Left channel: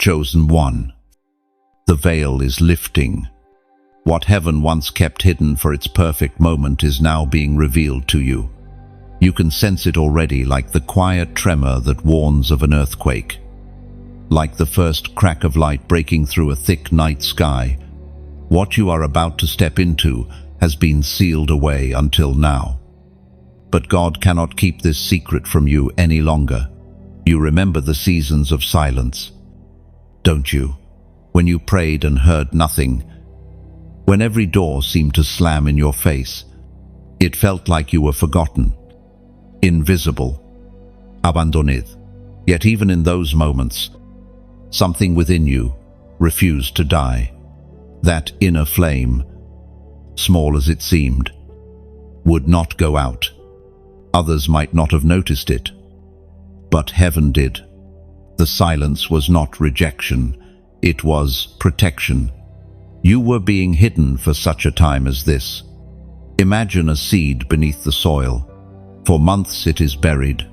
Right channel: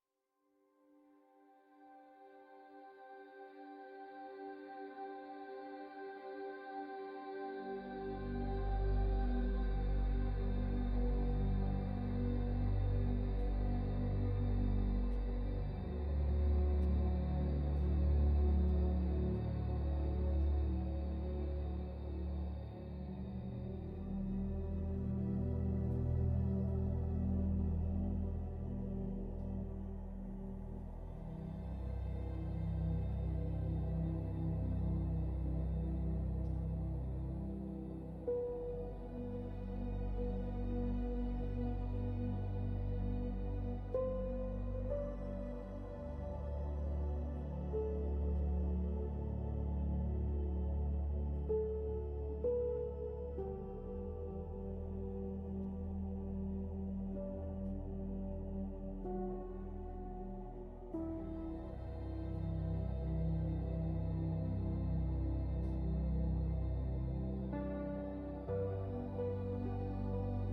Chosen one. The veil is lifting. What heaven once kept hidden for its perfect moment is now being revealed to you. You can sense it already, like the quiet tremor that warns of an earthquake. Like the first crack of light breaking through a thick night sky. What you are about to step into has been sealed away until now. But God cannot keep this secret from you any longer. You remember the seasons of silence, don't you? When you prayed and heard nothing, when every door seemed to slam in your face, it felt like you were forgotten, invisible, abandoned. Yet even in those moments, something within you refused to die. That inner flame, small as it seemed, would not go out. Others might not have noticed it, but heaven did. The silence was not rejection, it was protection. You were being hidden for such a time as this. Imagine a seed beneath the soil. For months it is buried,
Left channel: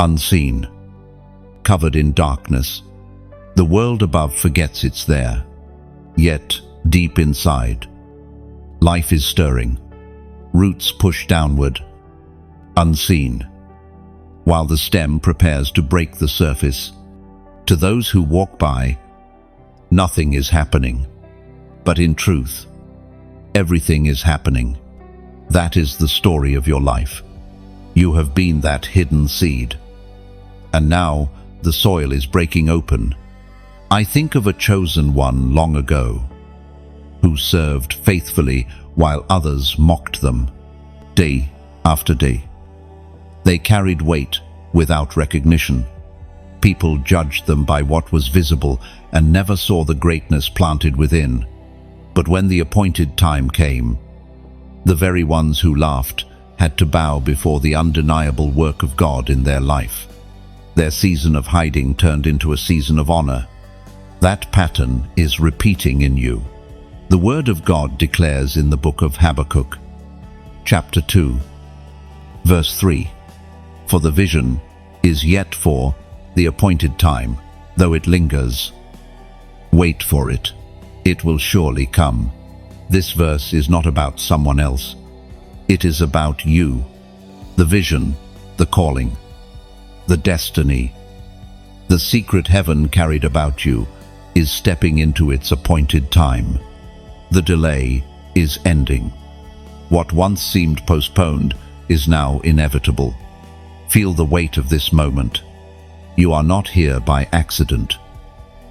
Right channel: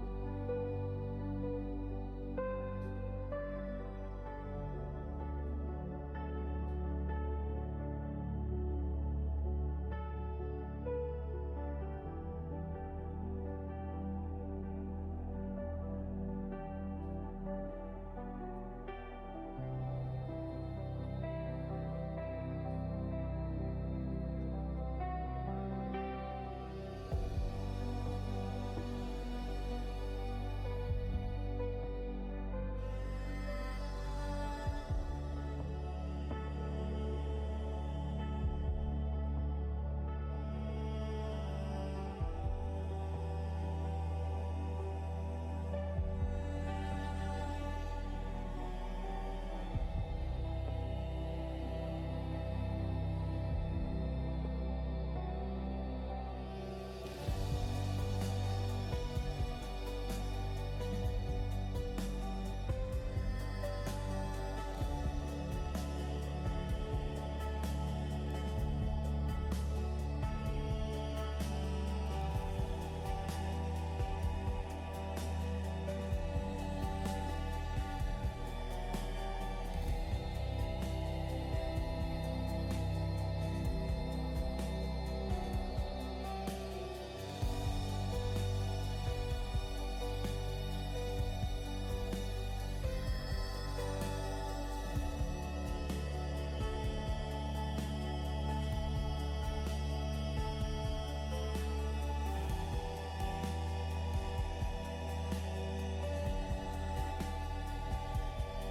unseen, covered in darkness. The world above forgets it's there. Yet, deep inside, life is stirring. Roots push downward, unseen, while the stem prepares to break the surface. To those who walk by, nothing is happening. But in truth, everything is happening. That is the story of your life. You have been that hidden seed. And now the soil is breaking open. I think of a chosen one long ago, who served faithfully while others mocked them, day after day. They carried weight without recognition. People judged them by what was visible and never saw the greatness planted within. But when the appointed time came, the very ones who laughed had to bow before the undeniable work of God in their life. Their season of hiding turned into a season of honor. That pattern is repeating in you. The Word of God declares in the book of Habakkuk, chapter 2, verse 3, "For the vision is yet for the appointed time, though it lingers. Wait for it. It will surely come." This verse is not about someone else. It is about you. The vision, the calling, the destiny, the secret heaven carried about you is stepping into its appointed time. The delay is ending. What once seemed postponed is now inevitable. Feel the weight of this moment. You are not here by accident.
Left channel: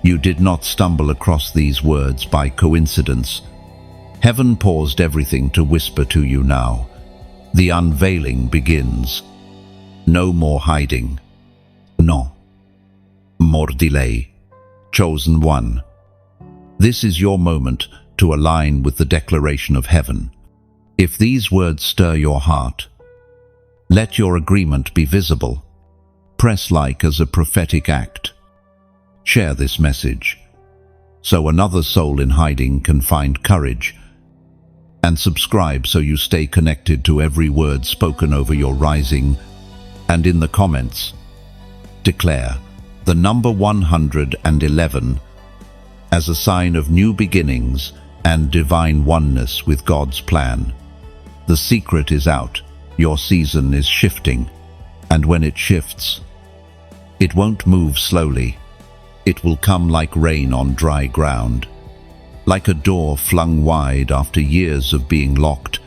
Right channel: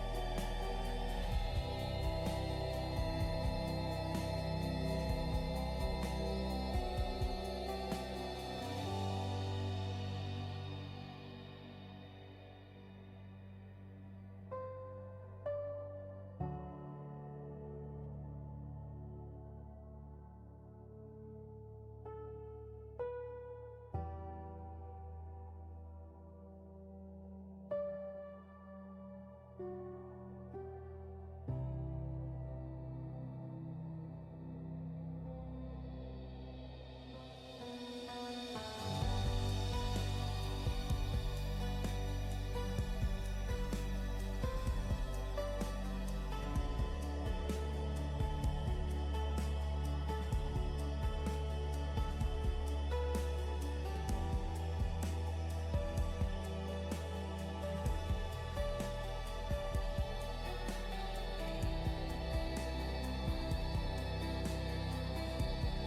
You did not stumble across these words by coincidence. Heaven paused everything to whisper to you now. The unveiling begins. No more hiding. No more delay. Chosen one. This is your moment to align with the declaration of heaven. If these words stir your heart, let your agreement be visible. Press like as a prophetic act. Share this message so another soul in hiding can find courage, and subscribe so you stay connected to every word spoken over your rising. And in the comments, declare the number 111 as a sign of new beginnings and divine oneness with God's plan. The secret is out. Your season is shifting, and when it shifts, it won't move slowly. It will come like rain on dry ground. Like a door flung wide after years of being locked,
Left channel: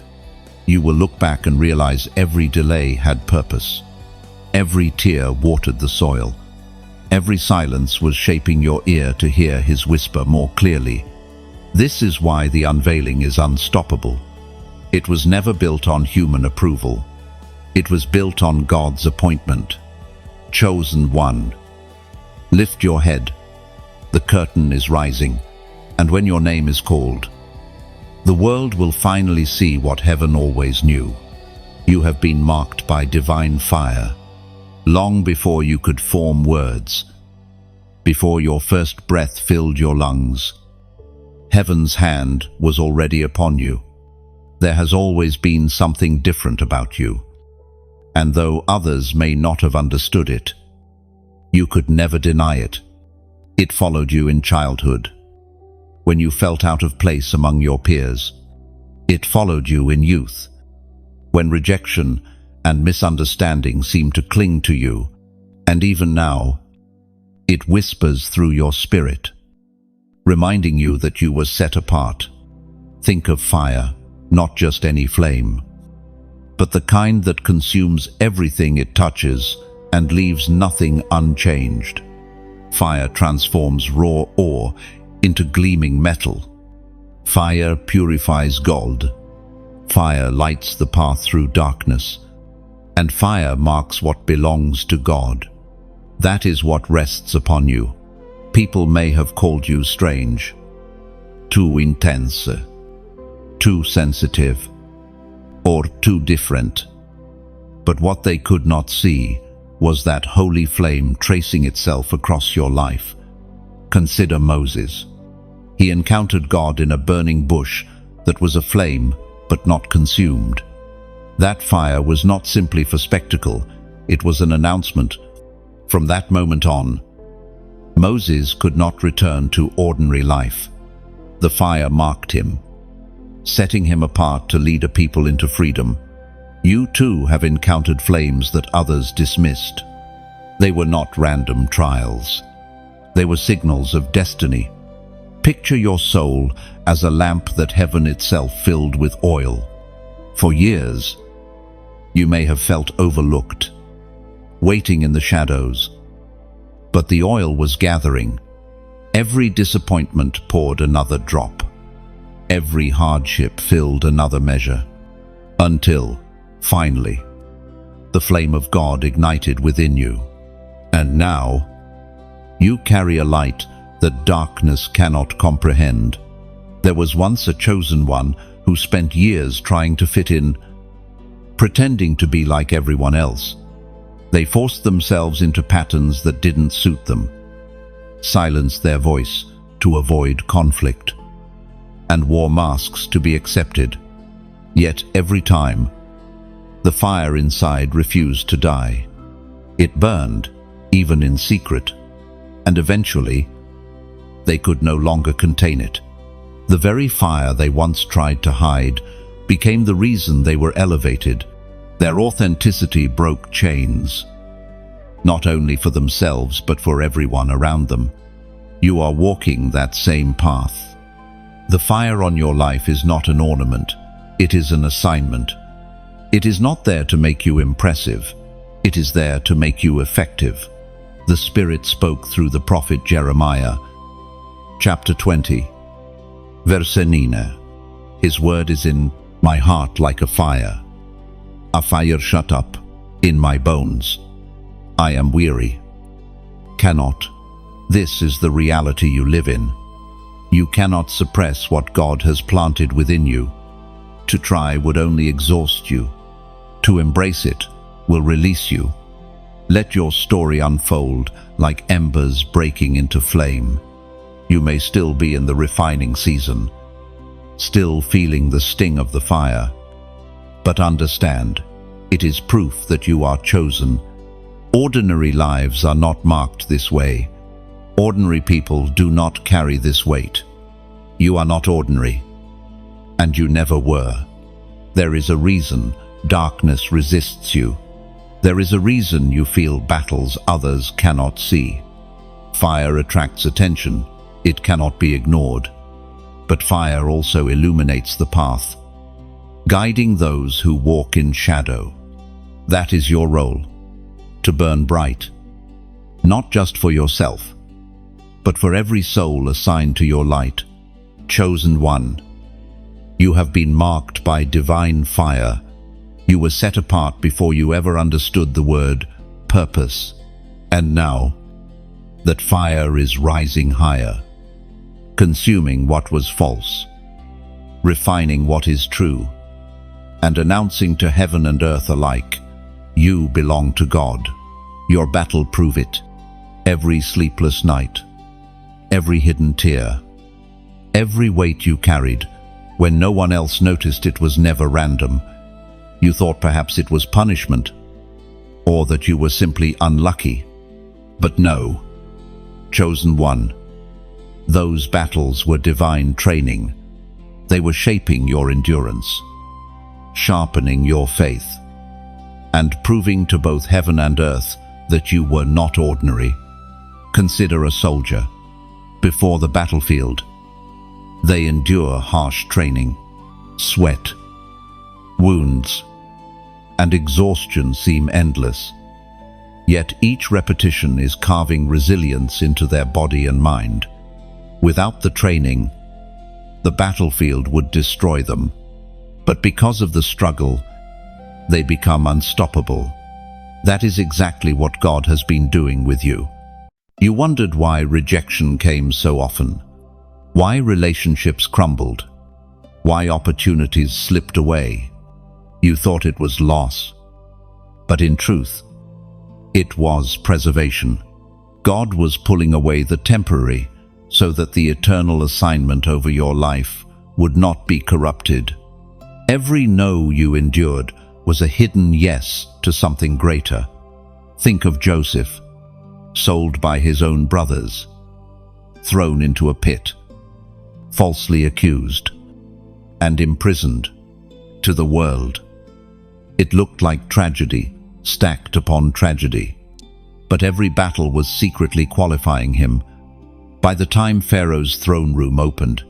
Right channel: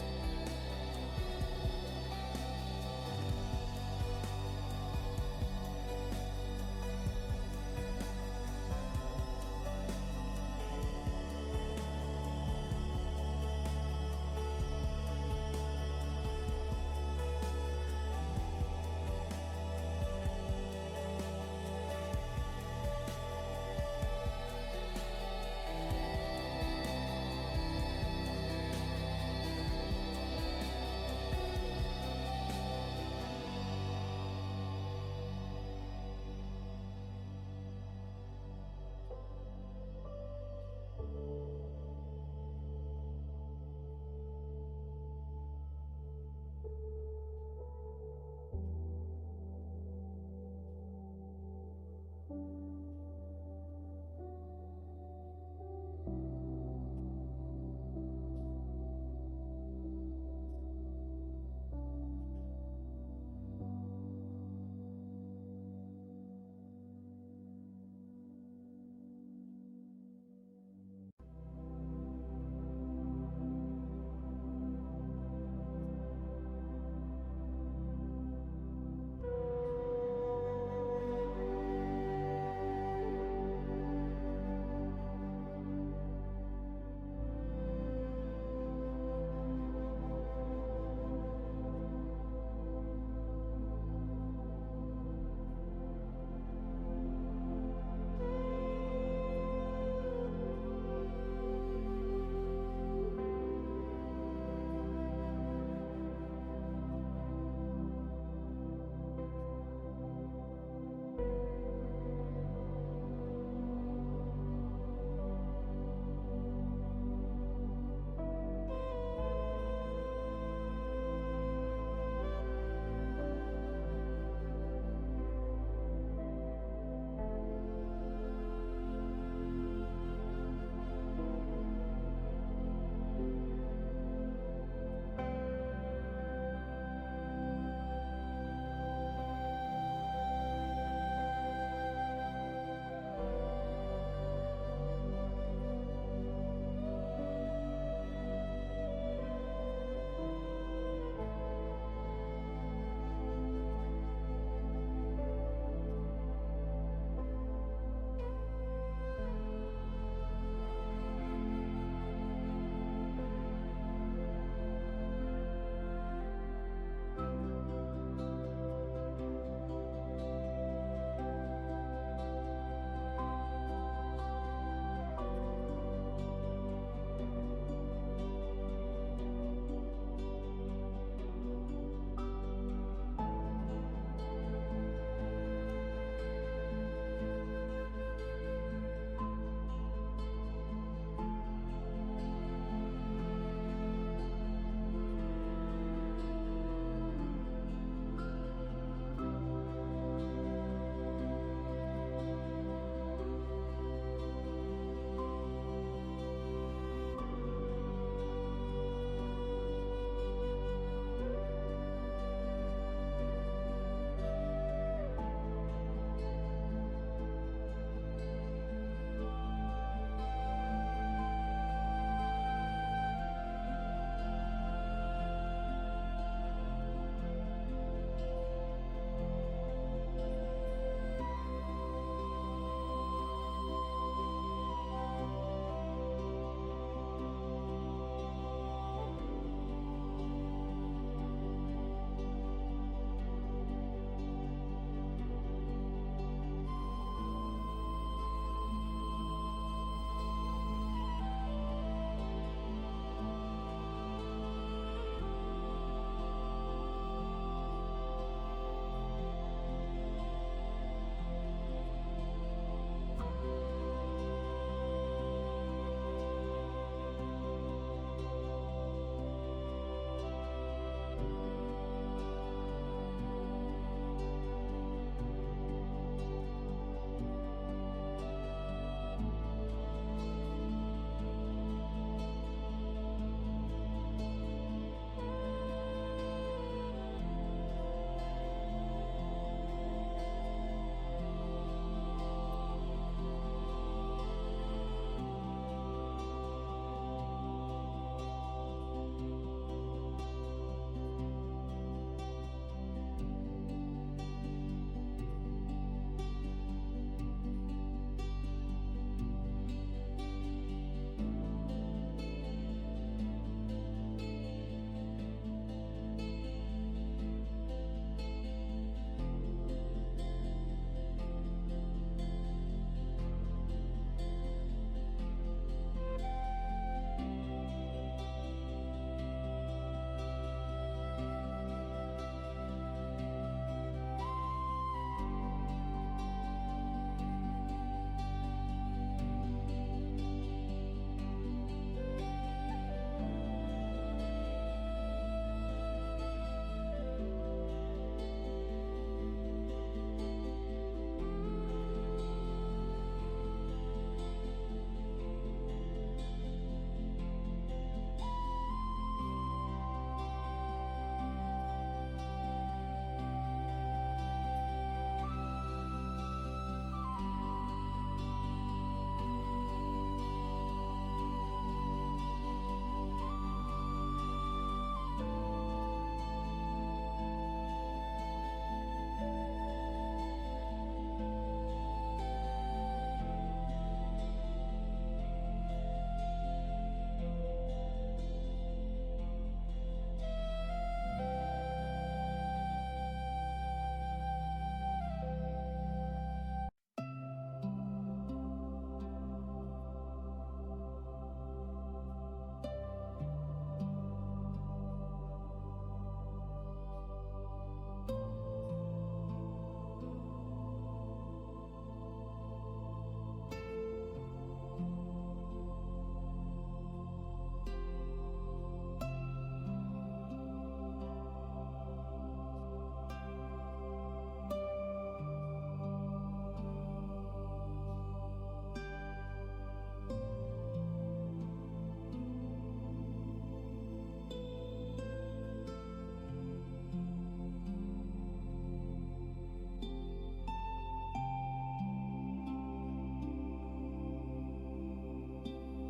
you will look back and realize every delay had purpose. Every tear watered the soil. Every silence was shaping your ear to hear His whisper more clearly. This is why the unveiling is unstoppable. It was never built on human approval. It was built on God's appointment. Chosen one. Lift your head. The curtain is rising, and when your name is called, the world will finally see what heaven always knew. You have been marked by divine fire, long before you could form words, before your first breath filled your lungs. Heaven's hand was already upon you. There has always been something different about you, and though others may not have understood it, you could never deny it. It followed you in childhood, when you felt out of place among your peers. It followed you in youth, when rejection and misunderstanding seemed to cling to you. And even now, it whispers through your spirit, reminding you that you were set apart. Think of fire, not just any flame, but the kind that consumes everything it touches and leaves nothing unchanged. Fire transforms raw ore into gleaming metal. Fire purifies gold. Fire lights the path through darkness. And fire marks what belongs to God. That is what rests upon you. People may have called you strange, too intense, too sensitive, or too different. But what they could not see was that holy flame tracing itself across your life. Consider Moses. He encountered God in a burning bush that was aflame but not consumed. That fire was not simply for spectacle, it was an announcement. From that moment on, Moses could not return to ordinary life. The fire marked him, setting him apart to lead a people into freedom. You too have encountered flames that others dismissed. They were not random trials. They were signals of destiny. Picture your soul as a lamp that heaven itself filled with oil. For years, you may have felt overlooked, waiting in the shadows. But the oil was gathering. Every disappointment poured another drop. Every hardship filled another measure. Until, finally, the flame of God ignited within you. And now, you carry a light that darkness cannot comprehend. There was once a chosen one who spent years trying to fit in, pretending to be like everyone else. They forced themselves into patterns that didn't suit them, silenced their voice to avoid conflict, and wore masks to be accepted. Yet every time, the fire inside refused to die. It burned, even in secret, and eventually, they could no longer contain it. The very fire they once tried to hide became the reason they were elevated. Their authenticity broke chains, not only for themselves but for everyone around them. You are walking that same path. The fire on your life is not an ornament, it is an assignment. It is not there to make you impressive, it is there to make you effective. The Spirit spoke through the prophet Jeremiah, chapter 20, verse 9. His word is in my heart like a fire shut up in my bones. I am weary, cannot. This is the reality you live in. You cannot suppress what God has planted within you. To try would only exhaust you. To embrace it will release you. Let your story unfold like embers breaking into flame. You may still be in the refining season, still feeling the sting of the fire. But understand, it is proof that you are chosen. Ordinary lives are not marked this way. Ordinary people do not carry this weight. You are not ordinary, and you never were. There is a reason darkness resists you. There is a reason you feel battles others cannot see. Fire attracts attention. It cannot be ignored. But fire also illuminates the path, guiding those who walk in shadow. That is your role, to burn bright, not just for yourself, but for every soul assigned to your light. Chosen one, you have been marked by divine fire. You were set apart before you ever understood the word purpose. And now, that fire is rising higher, consuming what was false, refining what is true, and announcing to heaven and earth alike, you belong to God. Your battle prove it. Every sleepless night, every hidden tear, every weight you carried, when no one else noticed it was never random. You thought perhaps it was punishment, or that you were simply unlucky. But no, chosen one. Those battles were divine training. They were shaping your endurance, sharpening your faith, and proving to both heaven and earth that you were not ordinary. Consider a soldier. Before the battlefield, they endure harsh training. Sweat, wounds, and exhaustion seem endless. Yet each repetition is carving resilience into their body and mind. Without the training, the battlefield would destroy them. But because of the struggle, they become unstoppable. That is exactly what God has been doing with you. You wondered why rejection came so often, why relationships crumbled, why opportunities slipped away. You thought it was loss, but in truth, it was preservation. God was pulling away the temporary so that the eternal assignment over your life would not be corrupted. Every no you endured was a hidden yes to something greater. Think of Joseph, sold by his own brothers, thrown into a pit, falsely accused, and imprisoned. To the world, it looked like tragedy, stacked upon tragedy. But every battle was secretly qualifying him. By the time Pharaoh's throne room opened,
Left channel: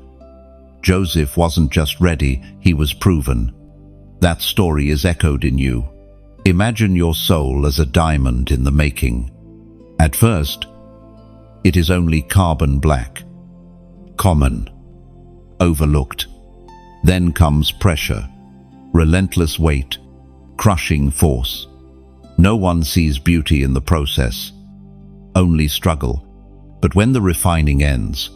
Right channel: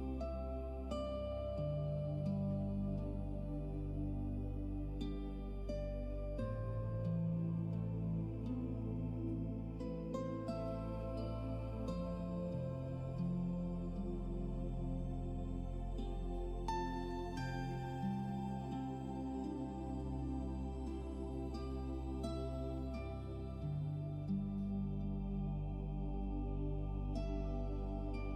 Joseph wasn't just ready, he was proven. That story is echoed in you. Imagine your soul as a diamond in the making. At first, it is only carbon black, common, overlooked. Then comes pressure, relentless weight, crushing force. No one sees beauty in the process, only struggle. But when the refining ends,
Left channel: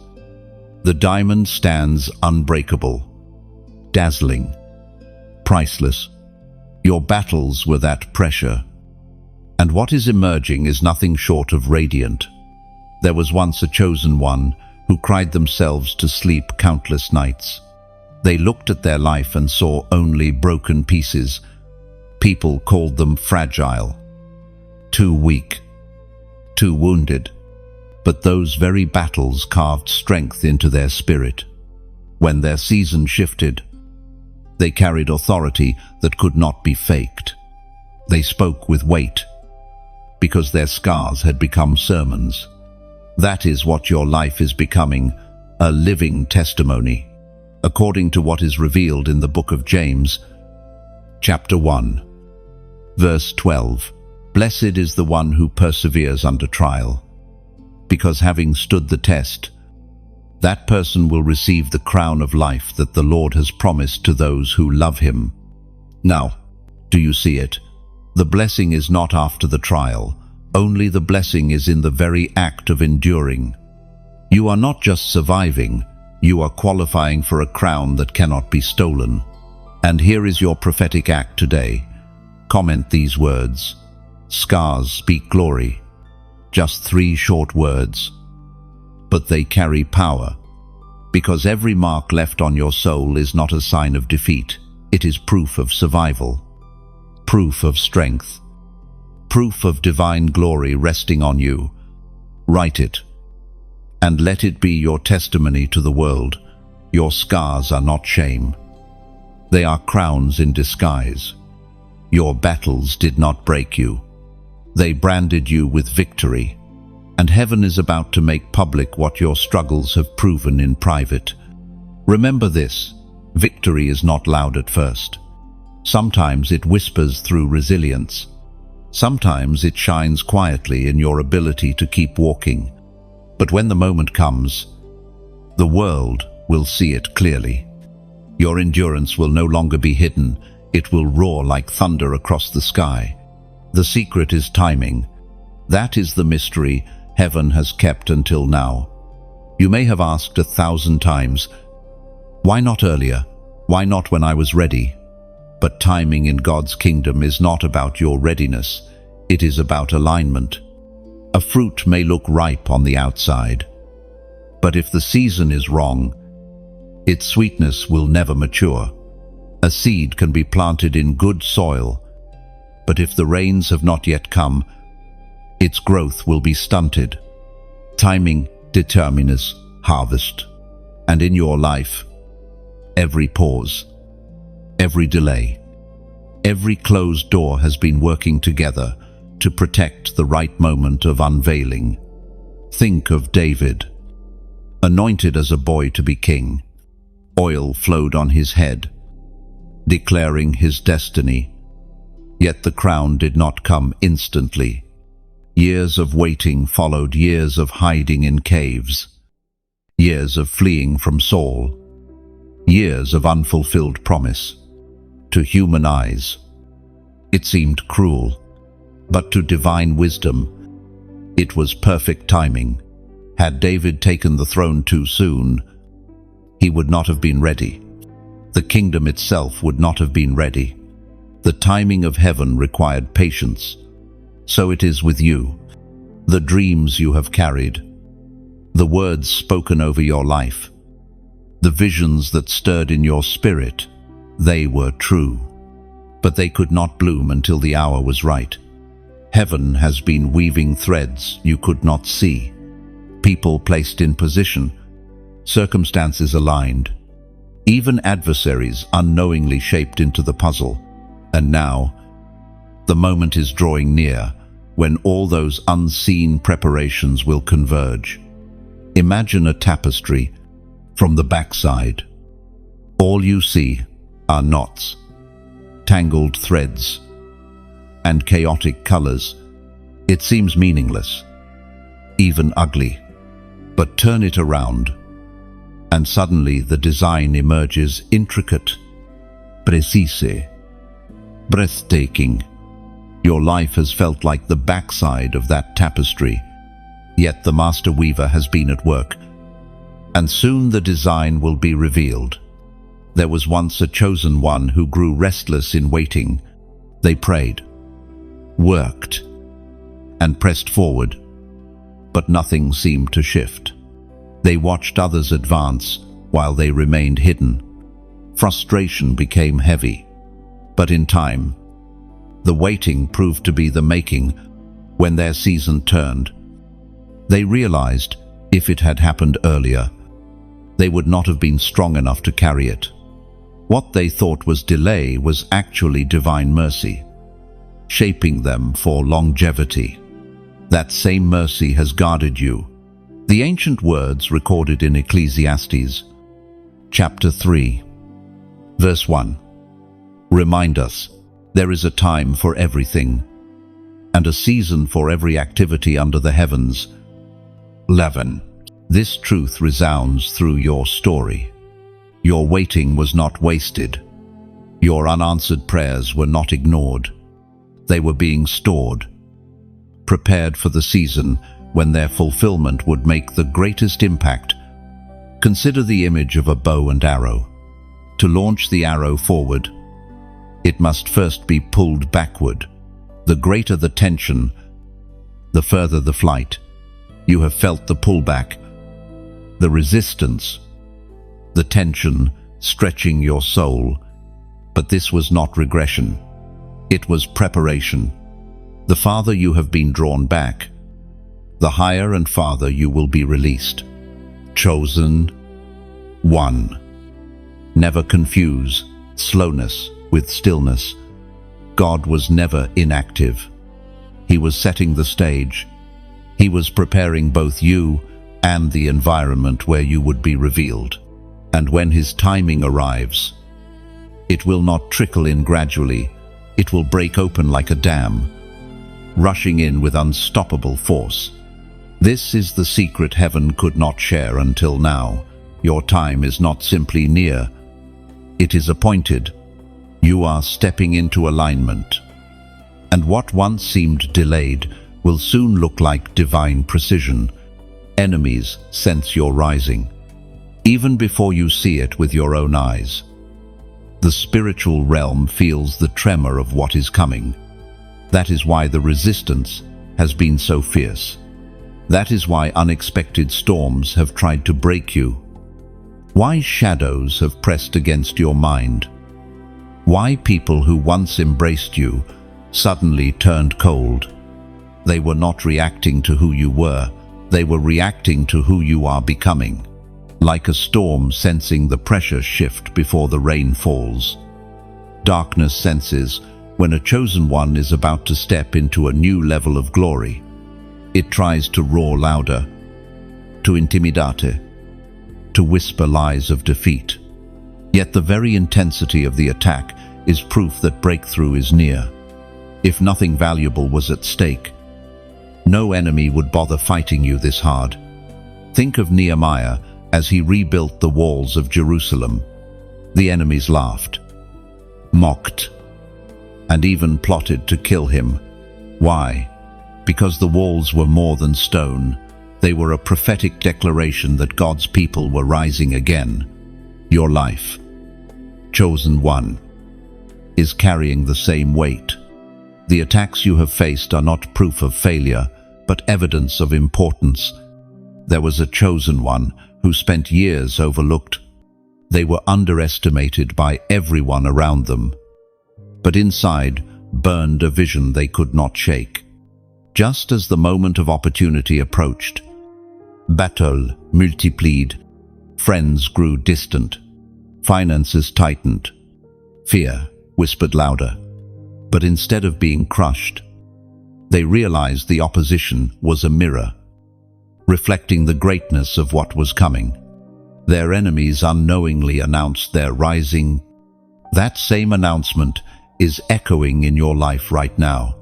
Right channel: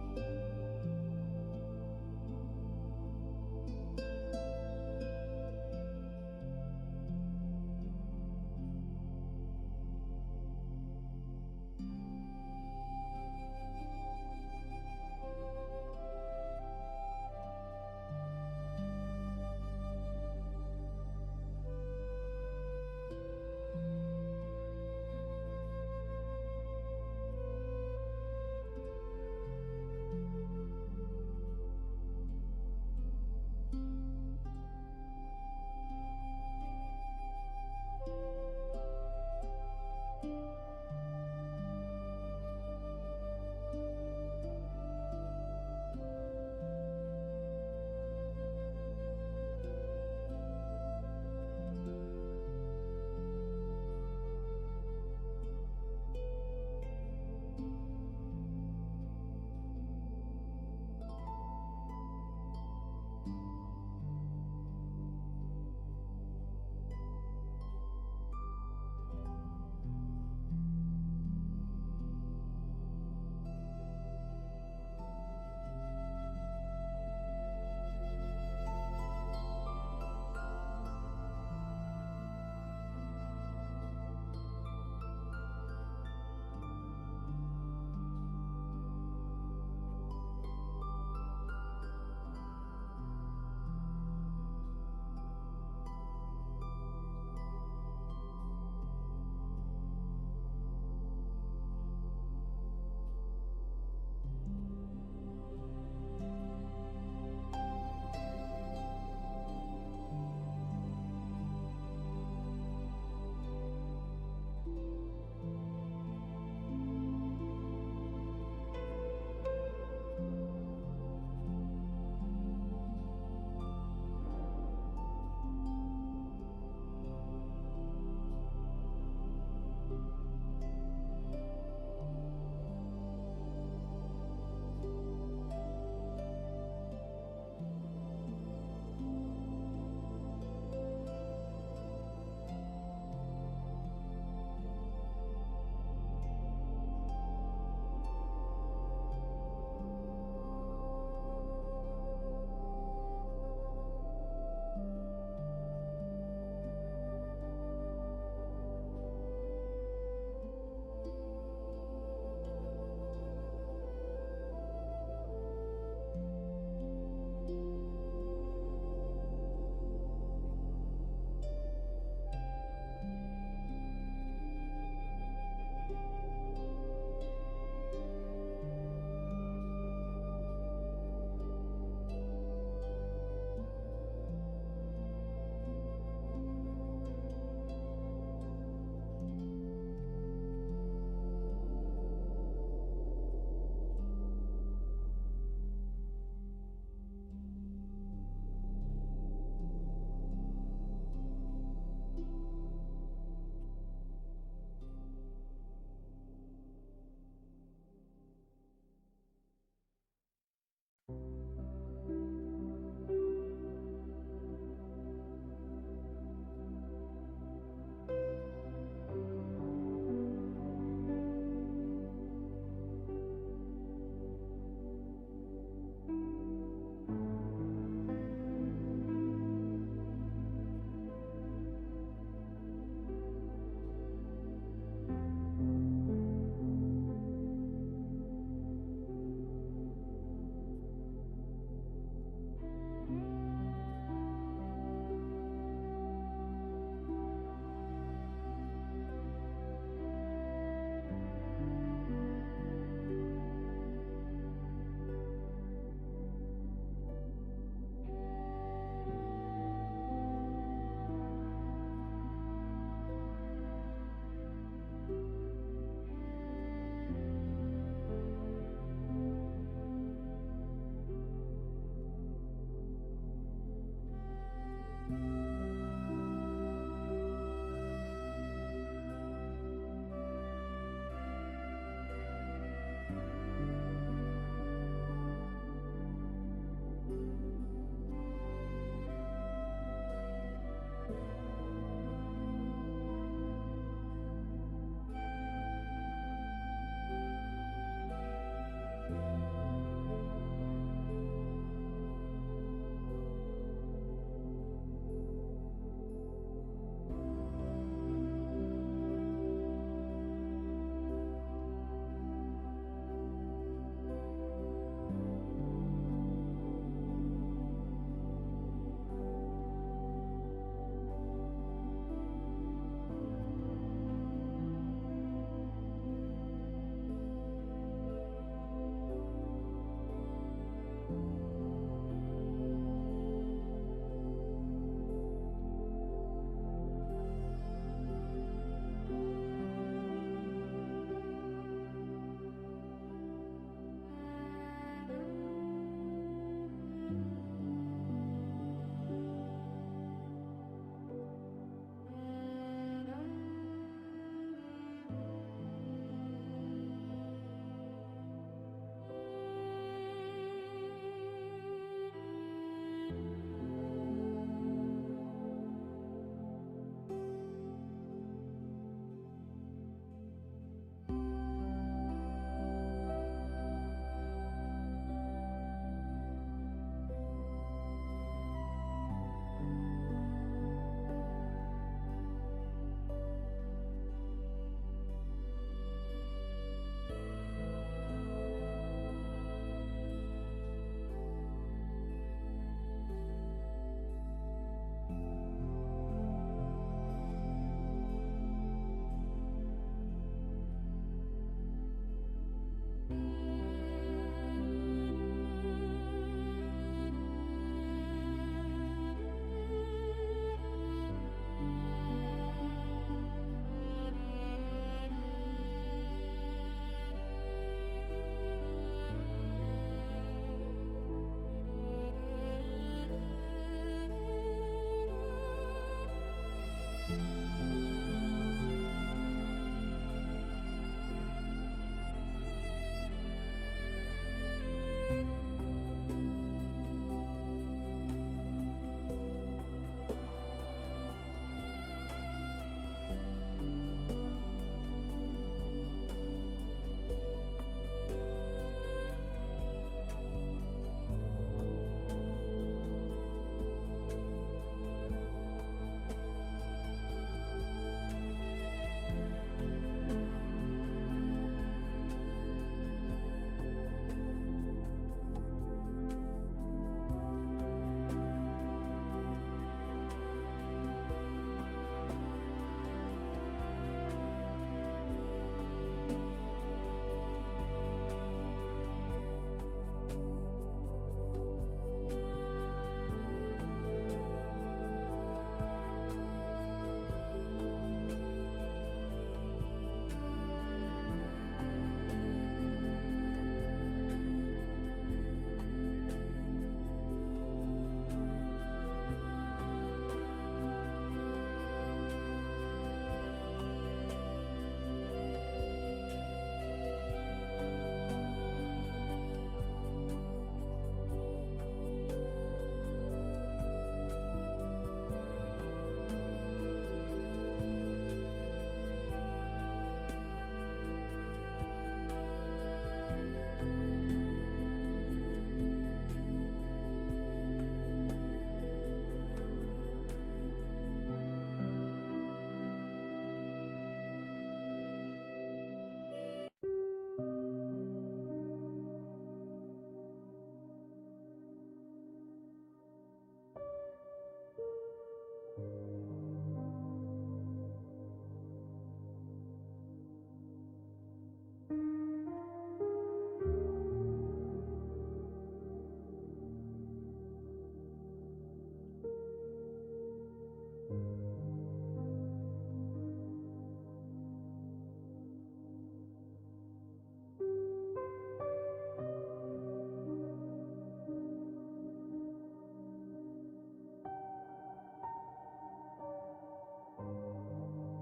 the diamond stands unbreakable, dazzling, priceless. Your battles were that pressure, and what is emerging is nothing short of radiant. There was once a chosen one who cried themselves to sleep countless nights. They looked at their life and saw only broken pieces. People called them fragile, too weak, too wounded. But those very battles carved strength into their spirit. When their season shifted, they carried authority that could not be faked. They spoke with weight, because their scars had become sermons. That is what your life is becoming, a living testimony. According to what is revealed in the book of James, chapter 1, verse 12, "Blessed is the one who perseveres under trial, because having stood the test, that person will receive the crown of life that the Lord has promised to those who love him." Now, do you see it? The blessing is not after the trial, only the blessing is in the very act of enduring. You are not just surviving, you are qualifying for a crown that cannot be stolen. And here is your prophetic act today. Comment these words: "Scars speak glory." Just 3 short words, but they carry power, because every mark left on your soul is not a sign of defeat. It is proof of survival, proof of strength, proof of divine glory resting on you. Write it, and let it be your testimony to the world. Your scars are not shame. They are crowns in disguise. Your battles did not break you. They branded you with victory. And heaven is about to make public what your struggles have proven in private. Remember this: victory is not loud at first. Sometimes it whispers through resilience. Sometimes it shines quietly in your ability to keep walking. But when the moment comes, the world will see it clearly. Your endurance will no longer be hidden. It will roar like thunder across the sky. The secret is timing. That is the mystery heaven has kept until now. You may have asked 1,000 times, "Why not earlier? Why not when I was ready?" But timing in God's kingdom is not about your readiness. It is about alignment. A fruit may look ripe on the outside, but if the season is wrong, its sweetness will never mature. A seed can be planted in good soil, but if the rains have not yet come, its growth will be stunted. Timing determines harvest. And in your life, every pause, every delay, every closed door has been working together to protect the right moment of unveiling. Think of David, anointed as a boy to be king. Oil flowed on his head, declaring his destiny. Yet the crown did not come instantly. Years of waiting followed years of hiding in caves, years of fleeing from Saul, years of unfulfilled promise. To human eyes, it seemed cruel, but to divine wisdom, it was perfect timing. Had David taken the throne too soon, he would not have been ready. The kingdom itself would not have been ready. The timing of heaven required patience. So it is with you. The dreams you have carried, the words spoken over your life, the visions that stirred in your spirit, they were true. But they could not bloom until the hour was right. Heaven has been weaving threads you could not see. People placed in position, circumstances aligned, even adversaries unknowingly shaped into the puzzle. And now, the moment is drawing near when all those unseen preparations will converge. Imagine a tapestry from the backside. All you see are knots, tangled threads, and chaotic colors. It seems meaningless, even ugly. But turn it around, and suddenly the design emerges intricate, precise, breathtaking. Your life has felt like the backside of that tapestry, yet the master weaver has been at work, and soon the design will be revealed. There was once a chosen one who grew restless in waiting. They prayed, worked, and pressed forward, but nothing seemed to shift. They watched others advance while they remained hidden. Frustration became heavy, but in time, the waiting proved to be the making. When their season turned, they realized if it had happened earlier, they would not have been strong enough to carry it. What they thought was delay was actually divine mercy, shaping them for longevity. That same mercy has guarded you. The ancient words recorded in Ecclesiastes, chapter 3, verse 1, remind us there is a time for everything, and a season for every activity under the heavens. 11. This truth resounds through your story. Your waiting was not wasted. Your unanswered prayers were not ignored. They were being stored, prepared for the season when their fulfillment would make the greatest impact. Consider the image of a bow and arrow. To launch the arrow forward, it must first be pulled backward. The greater the tension, the further the flight. You have felt the pullback, the resistance, the tension stretching your soul. But this was not regression. It was preparation. The farther you have been drawn back, the higher and farther you will be released. Chosen one. Never confuse slowness with stillness. God was never inactive. He was setting the stage. He was preparing both you and the environment where you would be revealed. And when His timing arrives, it will not trickle in gradually. It will break open like a dam, rushing in with unstoppable force. This is the secret heaven could not share until now. Your time is not simply near. It is appointed. You are stepping into alignment. And what once seemed delayed will soon look like divine precision. Enemies sense your rising, even before you see it with your own eyes. The spiritual realm feels the tremor of what is coming. That is why the resistance has been so fierce. That is why unexpected storms have tried to break you. Why shadows have pressed against your mind. Why people who once embraced you suddenly turned cold. They were not reacting to who you were. They were reacting to who you are becoming, like a storm sensing the pressure shift before the rain falls. Darkness senses when a chosen one is about to step into a new level of glory. It tries to roar louder, to intimidate, to whisper lies of defeat. Yet the very intensity of the attack is proof that breakthrough is near. If nothing valuable was at stake, no enemy would bother fighting you this hard. Think of Nehemiah as he rebuilt the walls of Jerusalem. The enemies laughed, mocked, and even plotted to kill him. Why? Because the walls were more than stone. They were a prophetic declaration that God's people were rising again. Your life, chosen one, is carrying the same weight. The attacks you have faced are not proof of failure, but evidence of importance. There was a chosen one who spent years overlooked. They were underestimated by everyone around them. But inside burned a vision they could not shake. Just as the moment of opportunity approached, battle multiplied, friends grew distant, finances tightened, fear whispered louder. But instead of being crushed, they realized the opposition was a mirror, reflecting the greatness of what was coming. Their enemies unknowingly announced their rising. That same announcement is echoing in your life right now.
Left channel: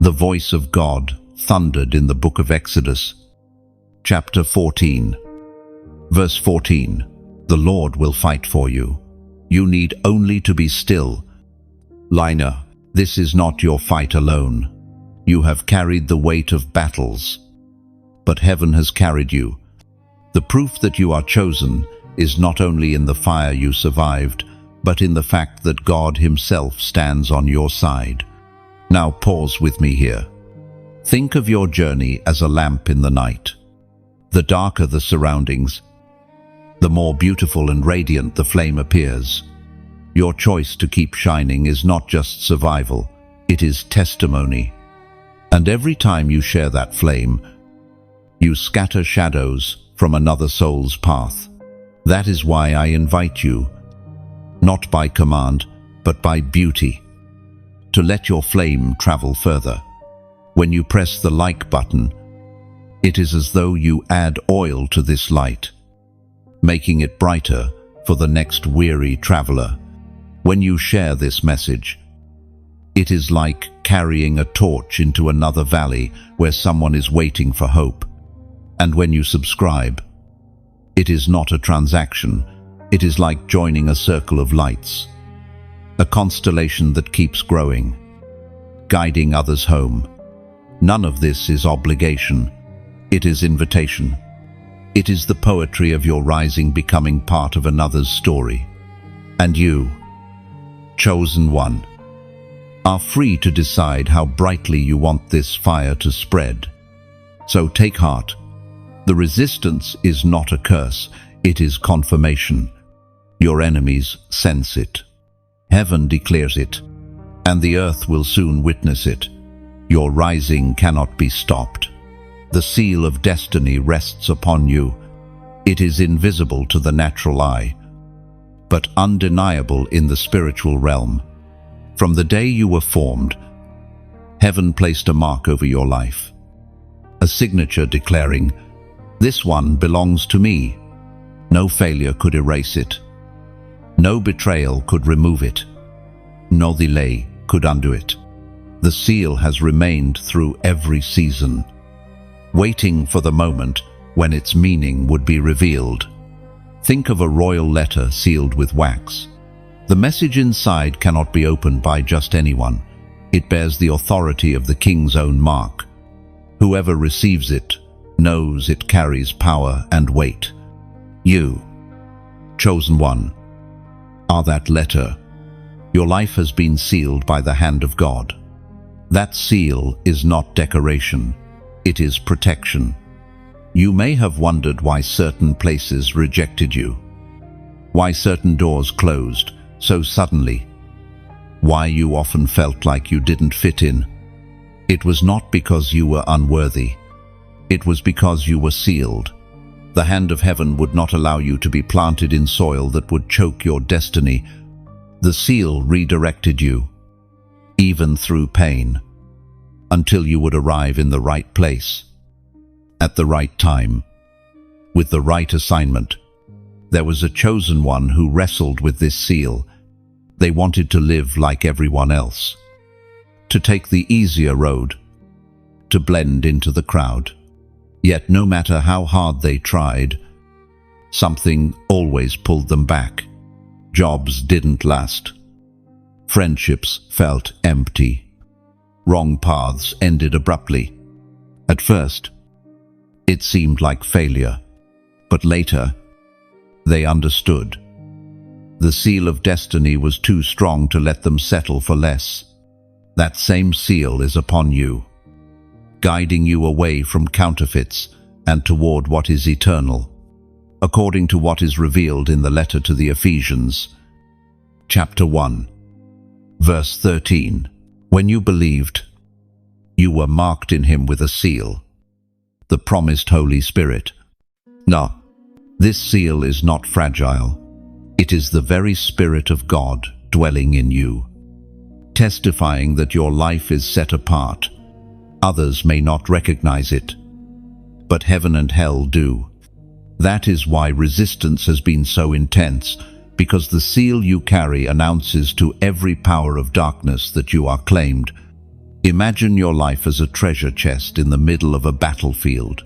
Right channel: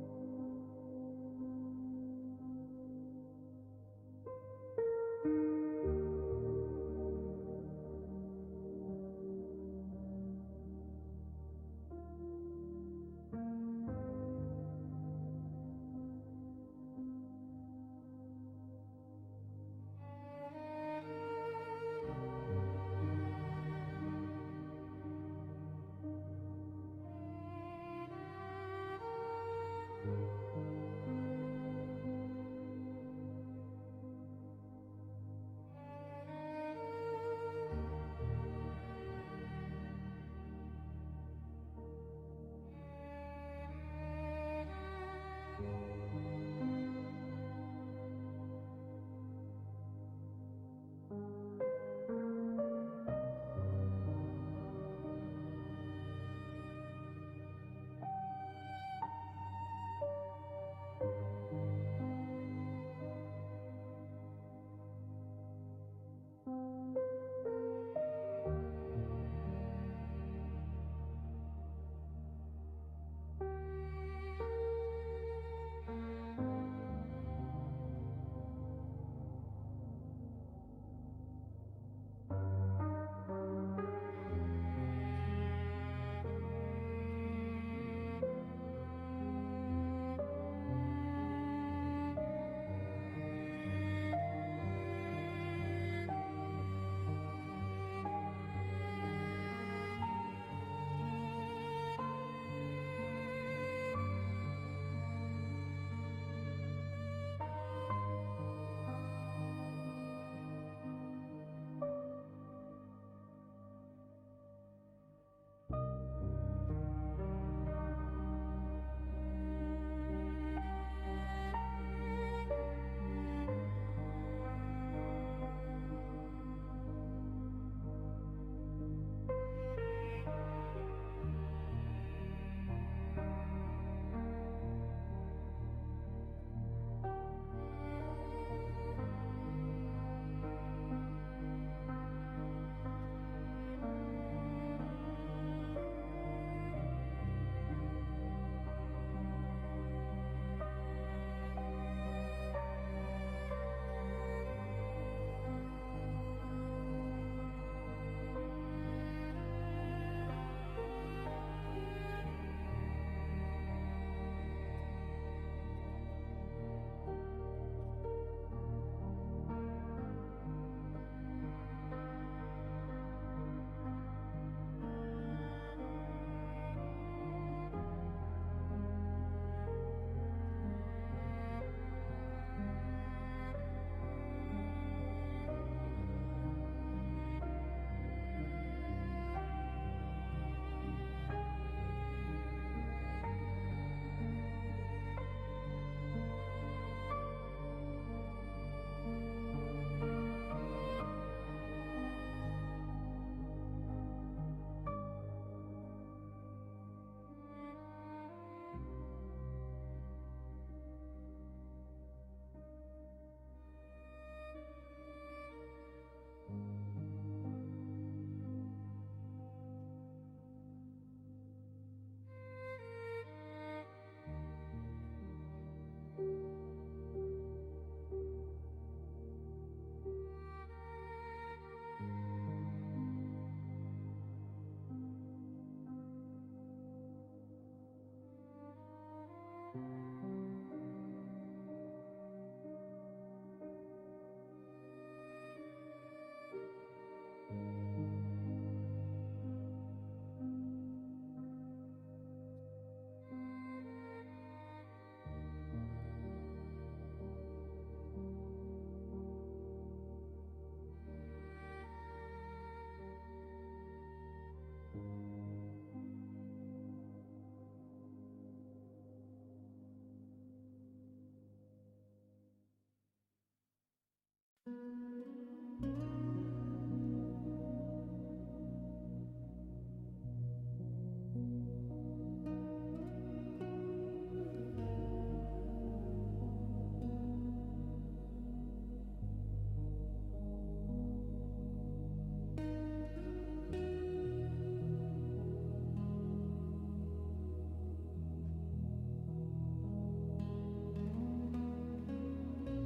The voice of God thundered in the book of Exodus, chapter 14, verse 14. The Lord will fight for you. You need only to be still. Liner, this is not your fight alone. You have carried the weight of battles, but heaven has carried you. The proof that you are chosen is not only in the fire you survived, but in the fact that God Himself stands on your side. Now pause with me here. Think of your journey as a lamp in the night. The darker the surroundings, the more beautiful and radiant the flame appears. Your choice to keep shining is not just survival, it is testimony. And every time you share that flame, you scatter shadows from another soul's path. That is why I invite you, not by command, but by beauty, to let your flame travel further. When you press the like button, it is as though you add oil to this light, making it brighter for the next weary traveler. When you share this message, it is like carrying a torch into another valley where someone is waiting for hope. And when you subscribe, it is not a transaction. It is like joining a circle of lights, a constellation that keeps growing, guiding others home. None of this is obligation. It is invitation. It is the poetry of your rising becoming part of another's story. And you, chosen one, are free to decide how brightly you want this fire to spread. So take heart. The resistance is not a curse, it is confirmation. Your enemies sense it. Heaven declares it, and the earth will soon witness it. Your rising cannot be stopped. The seal of destiny rests upon you. It is invisible to the natural eye, but undeniable in the spiritual realm. From the day you were formed, heaven placed a mark over your life, a signature declaring, "This one belongs to me." No failure could erase it. No betrayal could remove it. No delay could undo it. The seal has remained through every season, waiting for the moment when its meaning would be revealed. Think of a royal letter sealed with wax. The message inside cannot be opened by just anyone. It bears the authority of the king's own mark. Whoever receives it knows it carries power and weight. You, chosen one, are that letter. Your life has been sealed by the hand of God. That seal is not decoration, it is protection. You may have wondered why certain places rejected you, why certain doors closed so suddenly, why you often felt like you didn't fit in. It was not because you were unworthy. It was because you were sealed. The hand of heaven would not allow you to be planted in soil that would choke your destiny. The seal redirected you, even through pain, until you would arrive in the right place, at the right time, with the right assignment. There was a chosen one who wrestled with this seal. They wanted to live like everyone else, to take the easier road, to blend into the crowd. Yet no matter how hard they tried, something always pulled them back. Jobs didn't last. Friendships felt empty. Wrong paths ended abruptly. At first, it seemed like failure, but later, they understood. The seal of destiny was too strong to let them settle for less. That same seal is upon you, guiding you away from counterfeits and toward what is eternal, according to what is revealed in the letter to the Ephesians, chapter 1, verse 13. When you believed, you were marked in him with a seal, the promised Holy Spirit. Now, this seal is not fragile. It is the very Spirit of God dwelling in you, testifying that your life is set apart. Others may not recognize it, but heaven and hell do. That is why resistance has been so intense, because the seal you carry announces to every power of darkness that you are claimed. Imagine your life as a treasure chest in the middle of a battlefield.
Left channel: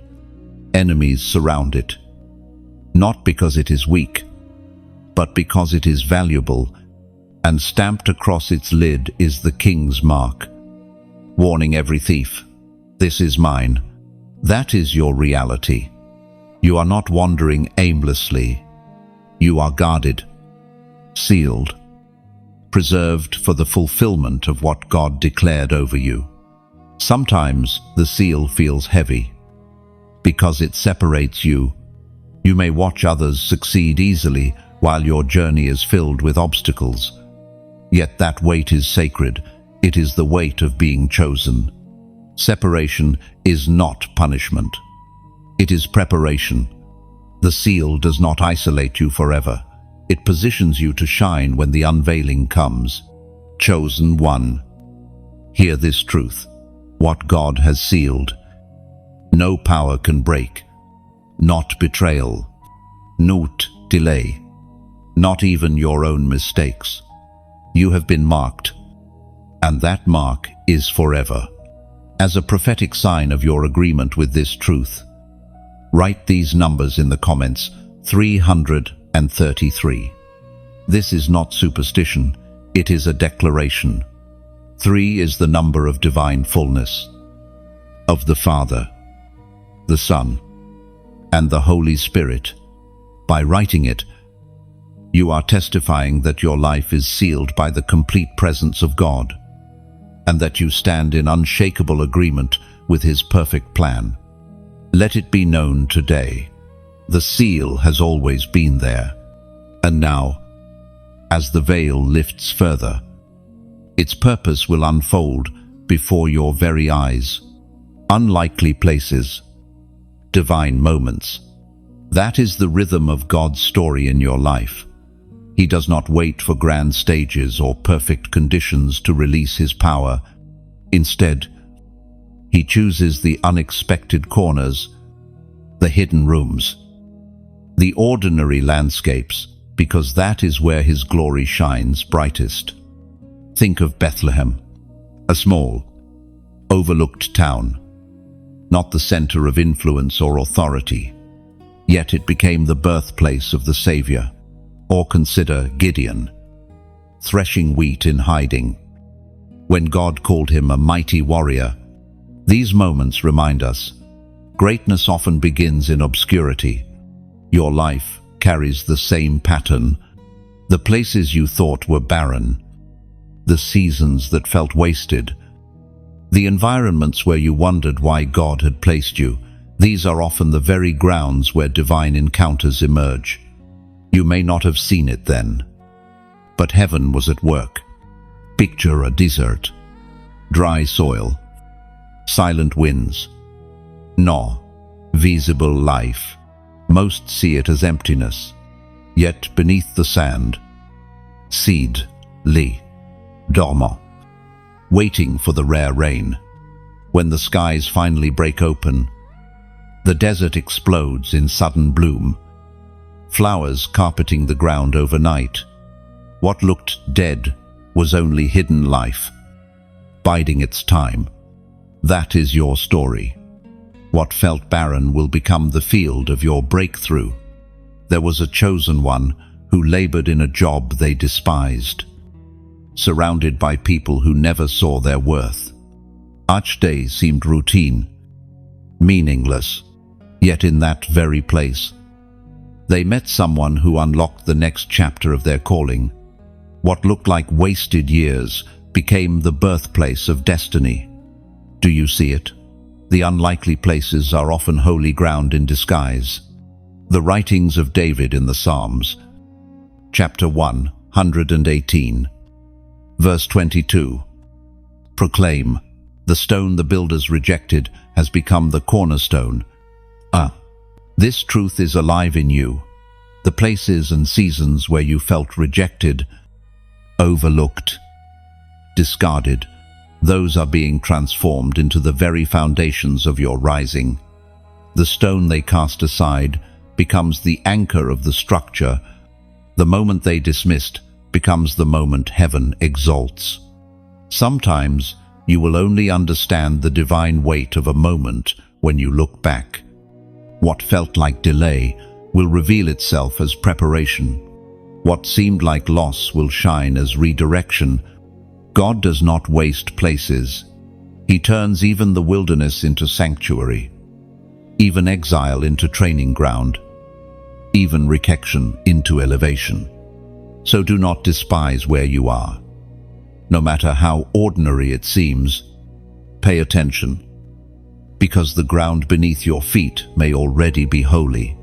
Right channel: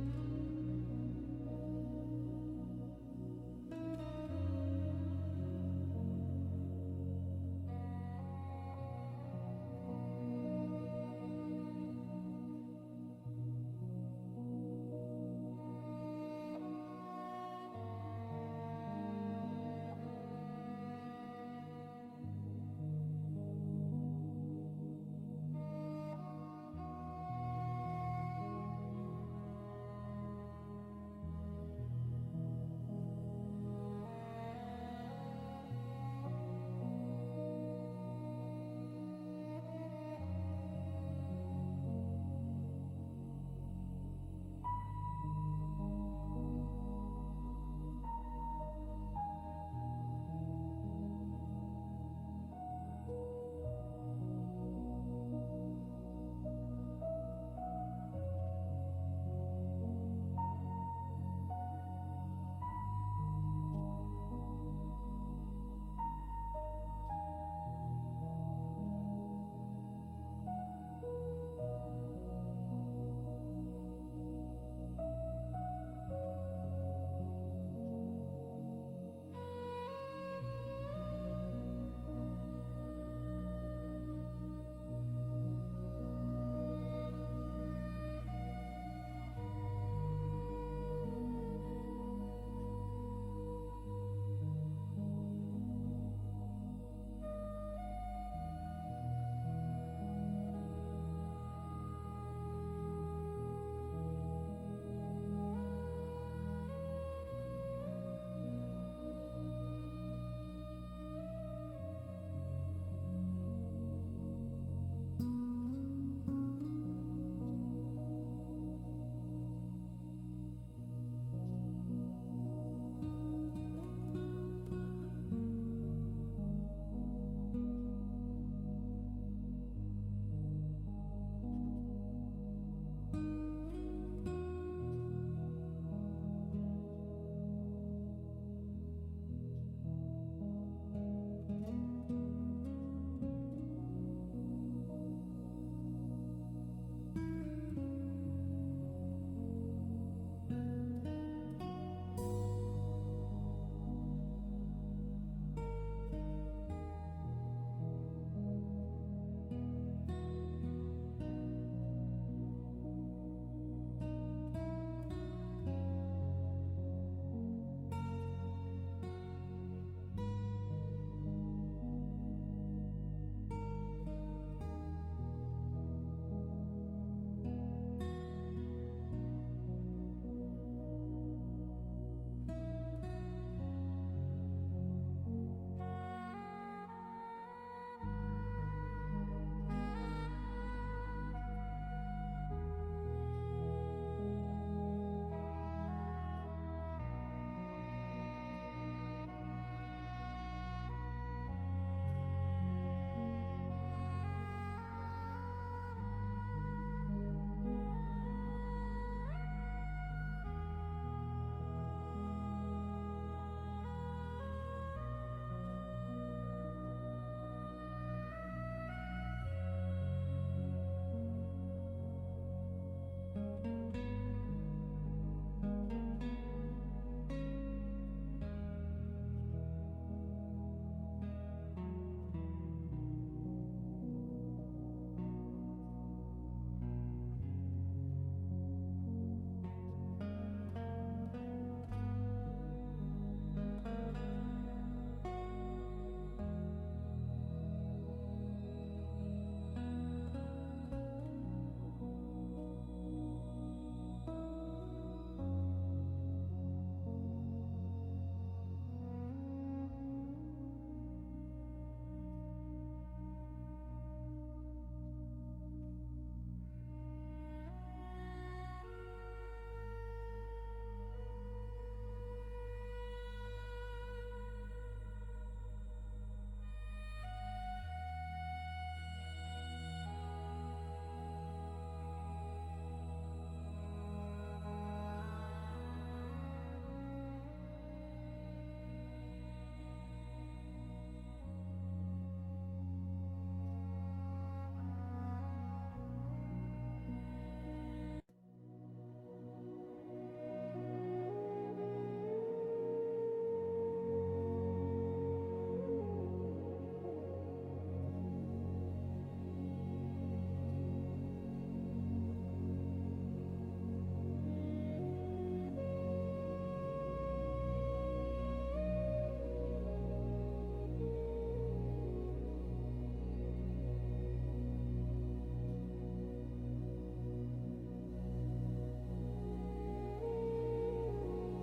Enemies surround it, not because it is weak, but because it is valuable, and stamped across its lid is the King's mark, warning every thief, "This is mine." That is your reality. You are not wandering aimlessly. You are guarded, sealed, preserved for the fulfillment of what God declared over you. Sometimes the seal feels heavy, because it separates you. You may watch others succeed easily while your journey is filled with obstacles. Yet that weight is sacred. It is the weight of being chosen. Separation is not punishment. It is preparation. The seal does not isolate you forever. It positions you to shine when the unveiling comes. Chosen one. Hear this truth. What God has sealed, no power can break. Not betrayal, not delay, not even your own mistakes. You have been marked, and that mark is forever. As a prophetic sign of your agreement with this truth, write these numbers in the comments: 333. This is not superstition, it is a declaration. 3 is the number of divine fullness, of the Father, the Son, and the Holy Spirit. By writing it, you are testifying that your life is sealed by the complete presence of God, and that you stand in unshakable agreement with His perfect plan. Let it be known today. The seal has always been there, and now, as the veil lifts further, its purpose will unfold before your very eyes. Unlikely places, divine moments. That is the rhythm of God's story in your life. He does not wait for grand stages or perfect conditions to release His power. Instead, He chooses the unexpected corners, the hidden rooms, the ordinary landscapes, because that is where His glory shines brightest. Think of Bethlehem, a small, overlooked town, not the center of influence or authority, yet it became the birthplace of the Savior. Or consider Gideon, threshing wheat in hiding, when God called him a mighty warrior. These moments remind us, greatness often begins in obscurity. Your life carries the same pattern. The places you thought were barren, the seasons that felt wasted, the environments where you wondered why God had placed you, these are often the very grounds where divine encounters emerge. You may not have seen it then, but heaven was at work. Picture a desert, dry soil, silent winds. No, visible life. Most see it as emptiness. Yet beneath the sand, seed, li, dormant, waiting for the rare rain. When the skies finally break open, the desert explodes in sudden bloom, flowers carpeting the ground overnight. What looked dead was only hidden life, biding its time. That is your story. What felt barren will become the field of your breakthrough. There was a chosen one who labored in a job they despised, surrounded by people who never saw their worth. Each day seemed routine, meaningless, yet in that very place, they met someone who unlocked the next chapter of their calling. What looked like wasted years became the birthplace of destiny. Do you see it? The unlikely places are often holy ground in disguise. The writings of David in the Psalms, chapter 118, verse 22. Proclaim, the stone the builders rejected has become the cornerstone. This truth is alive in you. The places and seasons where you felt rejected, overlooked, discarded, those are being transformed into the very foundations of your rising. The stone they cast aside becomes the anchor of the structure. The moment they dismissed becomes the moment heaven exalts. Sometimes you will only understand the divine weight of a moment when you look back. What felt like delay will reveal itself as preparation. What seemed like loss will shine as redirection. God does not waste places. He turns even the wilderness into sanctuary, even exile into training ground, even rejection into elevation. So do not despise where you are. No matter how ordinary it seems, pay attention, because the ground beneath your feet may already be holy.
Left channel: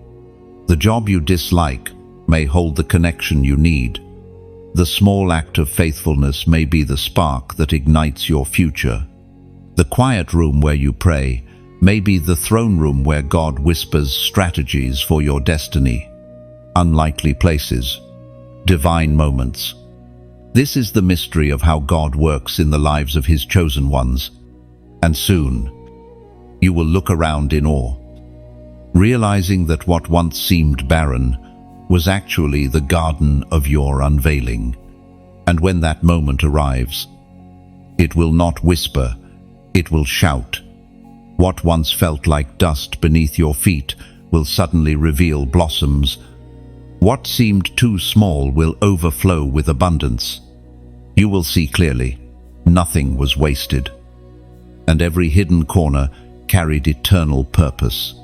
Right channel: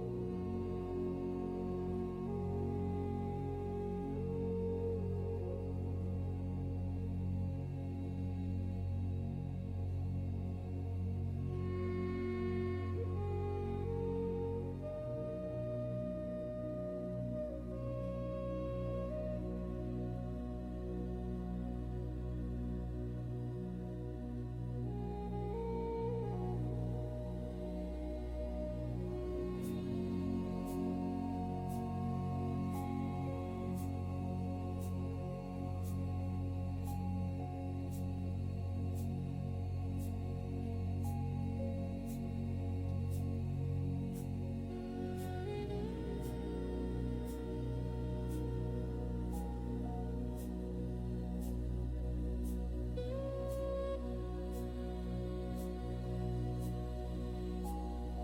The job you dislike may hold the connection you need. The small act of faithfulness may be the spark that ignites your future. The quiet room where you pray may be the throne room where God whispers strategies for your destiny. Unlikely places, divine moments. This is the mystery of how God works in the lives of His chosen ones. And soon, you will look around in awe, realizing that what once seemed barren was actually the garden of your unveiling. And when that moment arrives, it will not whisper, it will shout. What once felt like dust beneath your feet will suddenly reveal blossoms. What seemed too small will overflow with abundance. You will see clearly, nothing was wasted, and every hidden corner carried eternal purpose.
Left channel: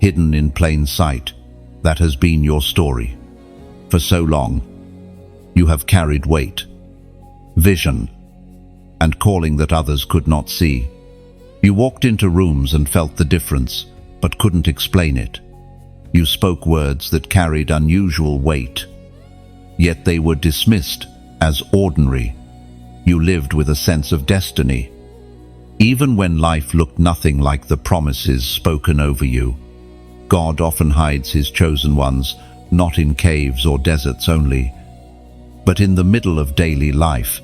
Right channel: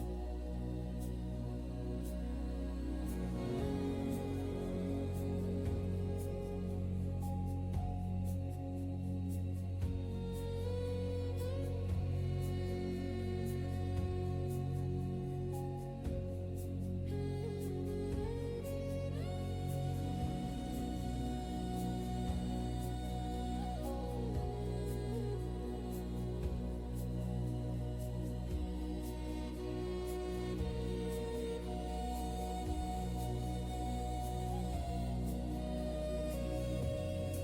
Hidden in plain sight, that has been your story. For so long, you have carried weight, vision, and calling that others could not see. You walked into rooms and felt the difference, but couldn't explain it. You spoke words that carried unusual weight, yet they were dismissed as ordinary. You lived with a sense of destiny, even when life looked nothing like the promises spoken over you. God often hides His chosen ones, not in caves or deserts only, but in the middle of daily life.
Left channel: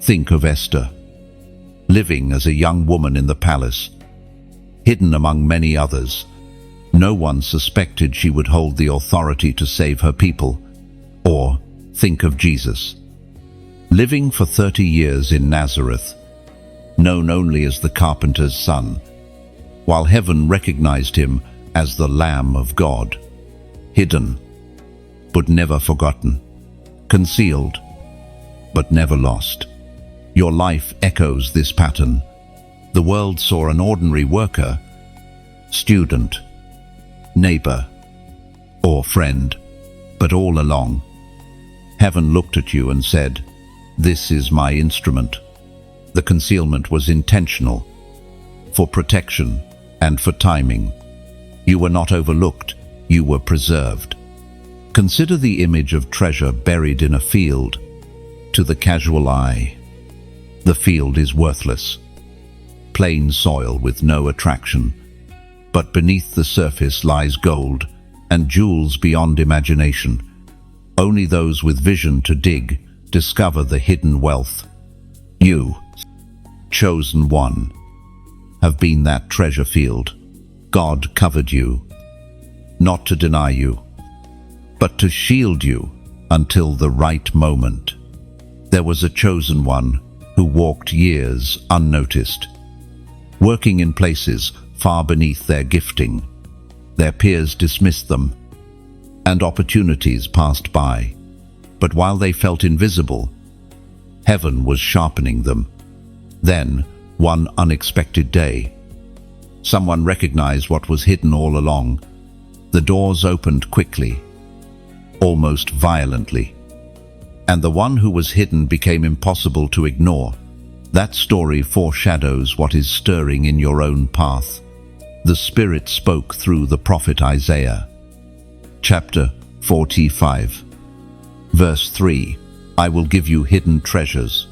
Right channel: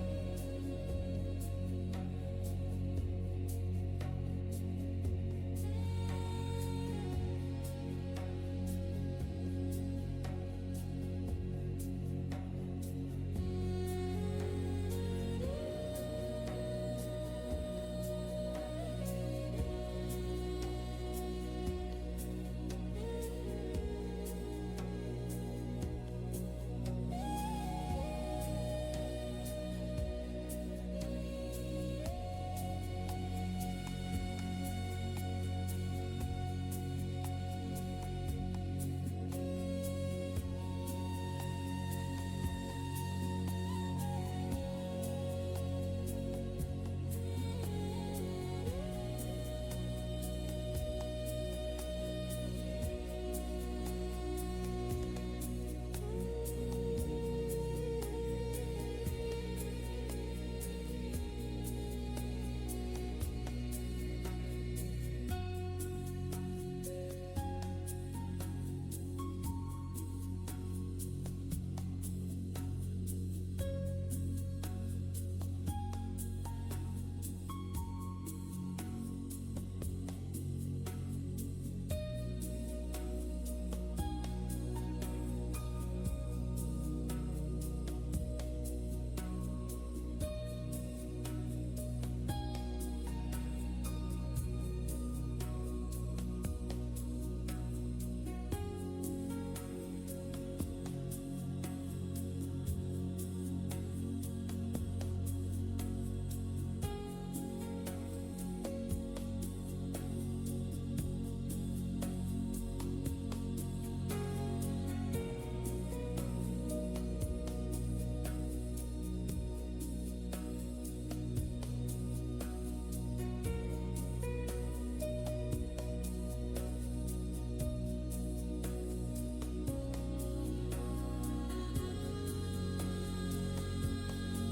Think of Esther, living as a young woman in the palace, hidden among many others. No one suspected she would hold the authority to save her people. Or think of Jesus, living for 30 years in Nazareth, known only as the carpenter's son, while heaven recognized Him as the Lamb of God. Hidden, but never forgotten. Concealed, but never lost. Your life echoes this pattern. The world saw an ordinary worker, student, neighbor, or friend, but all along, heaven looked at you and said, "This is my instrument." The concealment was intentional, for protection and for timing. You were not overlooked, you were preserved. Consider the image of treasure buried in a field. To the casual eye, the field is worthless, plain soil with no attraction. but beneath the surface lies gold and jewels beyond imagination. Only those with vision to dig discover the hidden wealth. You, chosen one, have been that treasure field. God covered you, not to deny you, but to shield you until the right moment. There was a chosen one who walked years unnoticed, working in places far beneath their gifting. Their peers dismissed them, and opportunities passed by. But while they felt invisible, heaven was sharpening them. Then, one unexpected day, someone recognized what was hidden all along. The doors opened quickly, almost violently, and the one who was hidden became impossible to ignore. That story foreshadows what is stirring in your own path. The Spirit spoke through the prophet Isaiah. Chapter 45, verse 3. I will give you hidden treasures,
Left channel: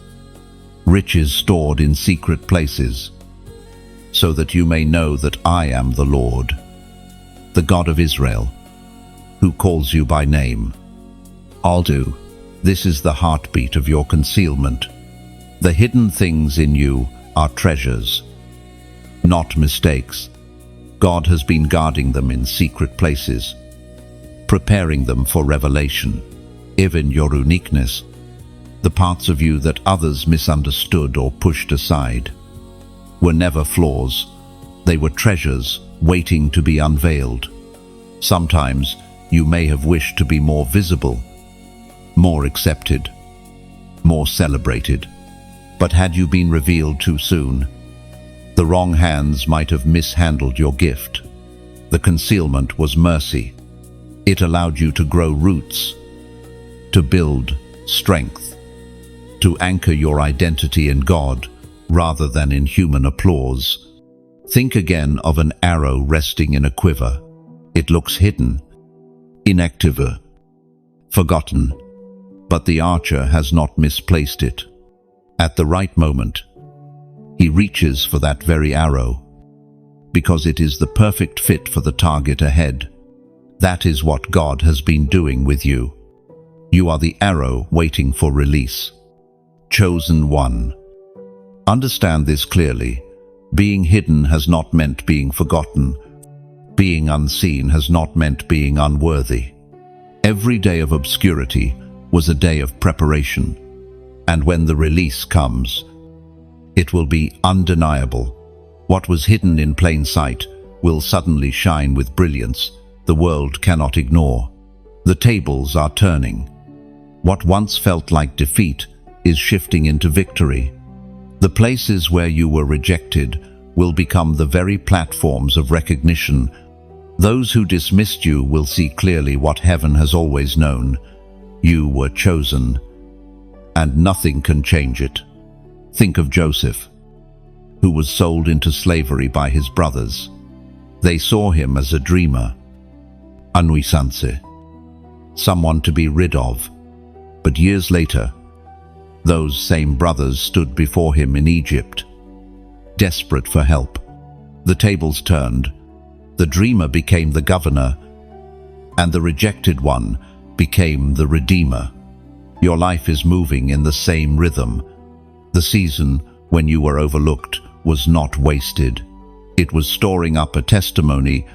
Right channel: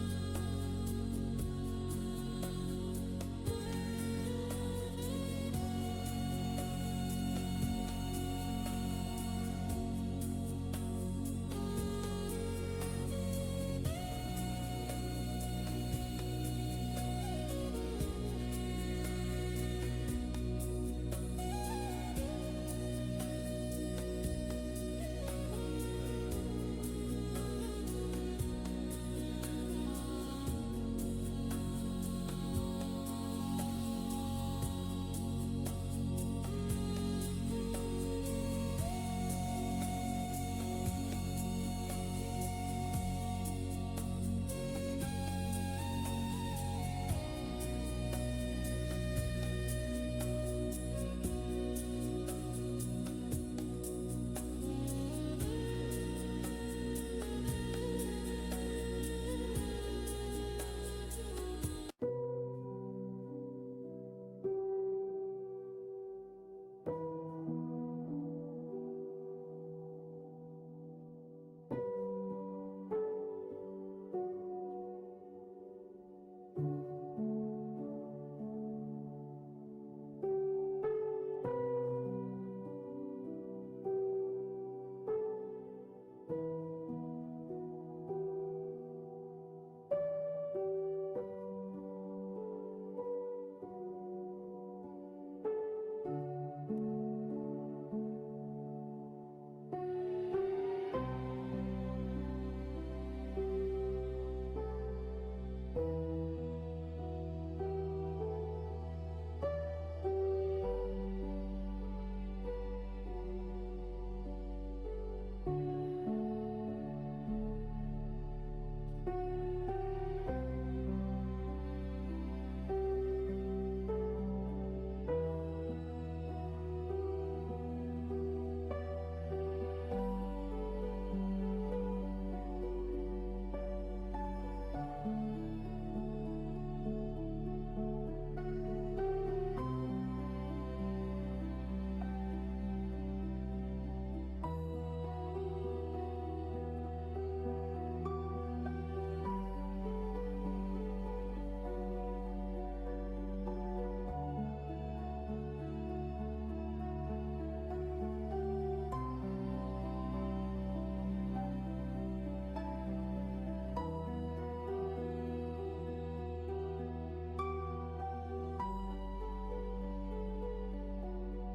riches stored in secret places, so that you may know that I am the Lord, the God of Israel, who calls you by name. This is the heartbeat of your concealment. The hidden things in you are treasures, not mistakes. God has been guarding them in secret places, preparing them for revelation. Even your uniqueness, the parts of you that others misunderstood or pushed aside, were never flaws. They were treasures waiting to be unveiled. Sometimes you may have wished to be more visible, more accepted, more celebrated. But had you been revealed too soon, the wrong hands might have mishandled your gift. The concealment was mercy. It allowed you to grow roots, to build strength, to anchor your identity in God rather than in human applause. Think again of an arrow resting in a quiver. It looks hidden, inactive, forgotten, but the archer has not misplaced it. At the right moment, he reaches for that very arrow, because it is the perfect fit for the target ahead. That is what God has been doing with you. You are the arrow waiting for release. Chosen one. Understand this clearly. Being hidden has not meant being forgotten. Being unseen has not meant being unworthy. Every day of obscurity was a day of preparation. And when the release comes, it will be undeniable. What was hidden in plain sight will suddenly shine with brilliance the world cannot ignore. The tables are turning. What once felt like defeat is shifting into victory. The places where you were rejected will become the very platforms of recognition. Those who dismissed you will see clearly what heaven has always known. You were chosen, and nothing can change it. Think of Joseph, who was sold into slavery by his brothers. They saw him as a dreamer, a nuisance, someone to be rid of. But years later, those same brothers stood before him in Egypt, desperate for help. The tables turned. The dreamer became the governor, and the rejected one became the redeemer. Your life is moving in the same rhythm. The season when you were overlooked was not wasted. It was storing up a testimony.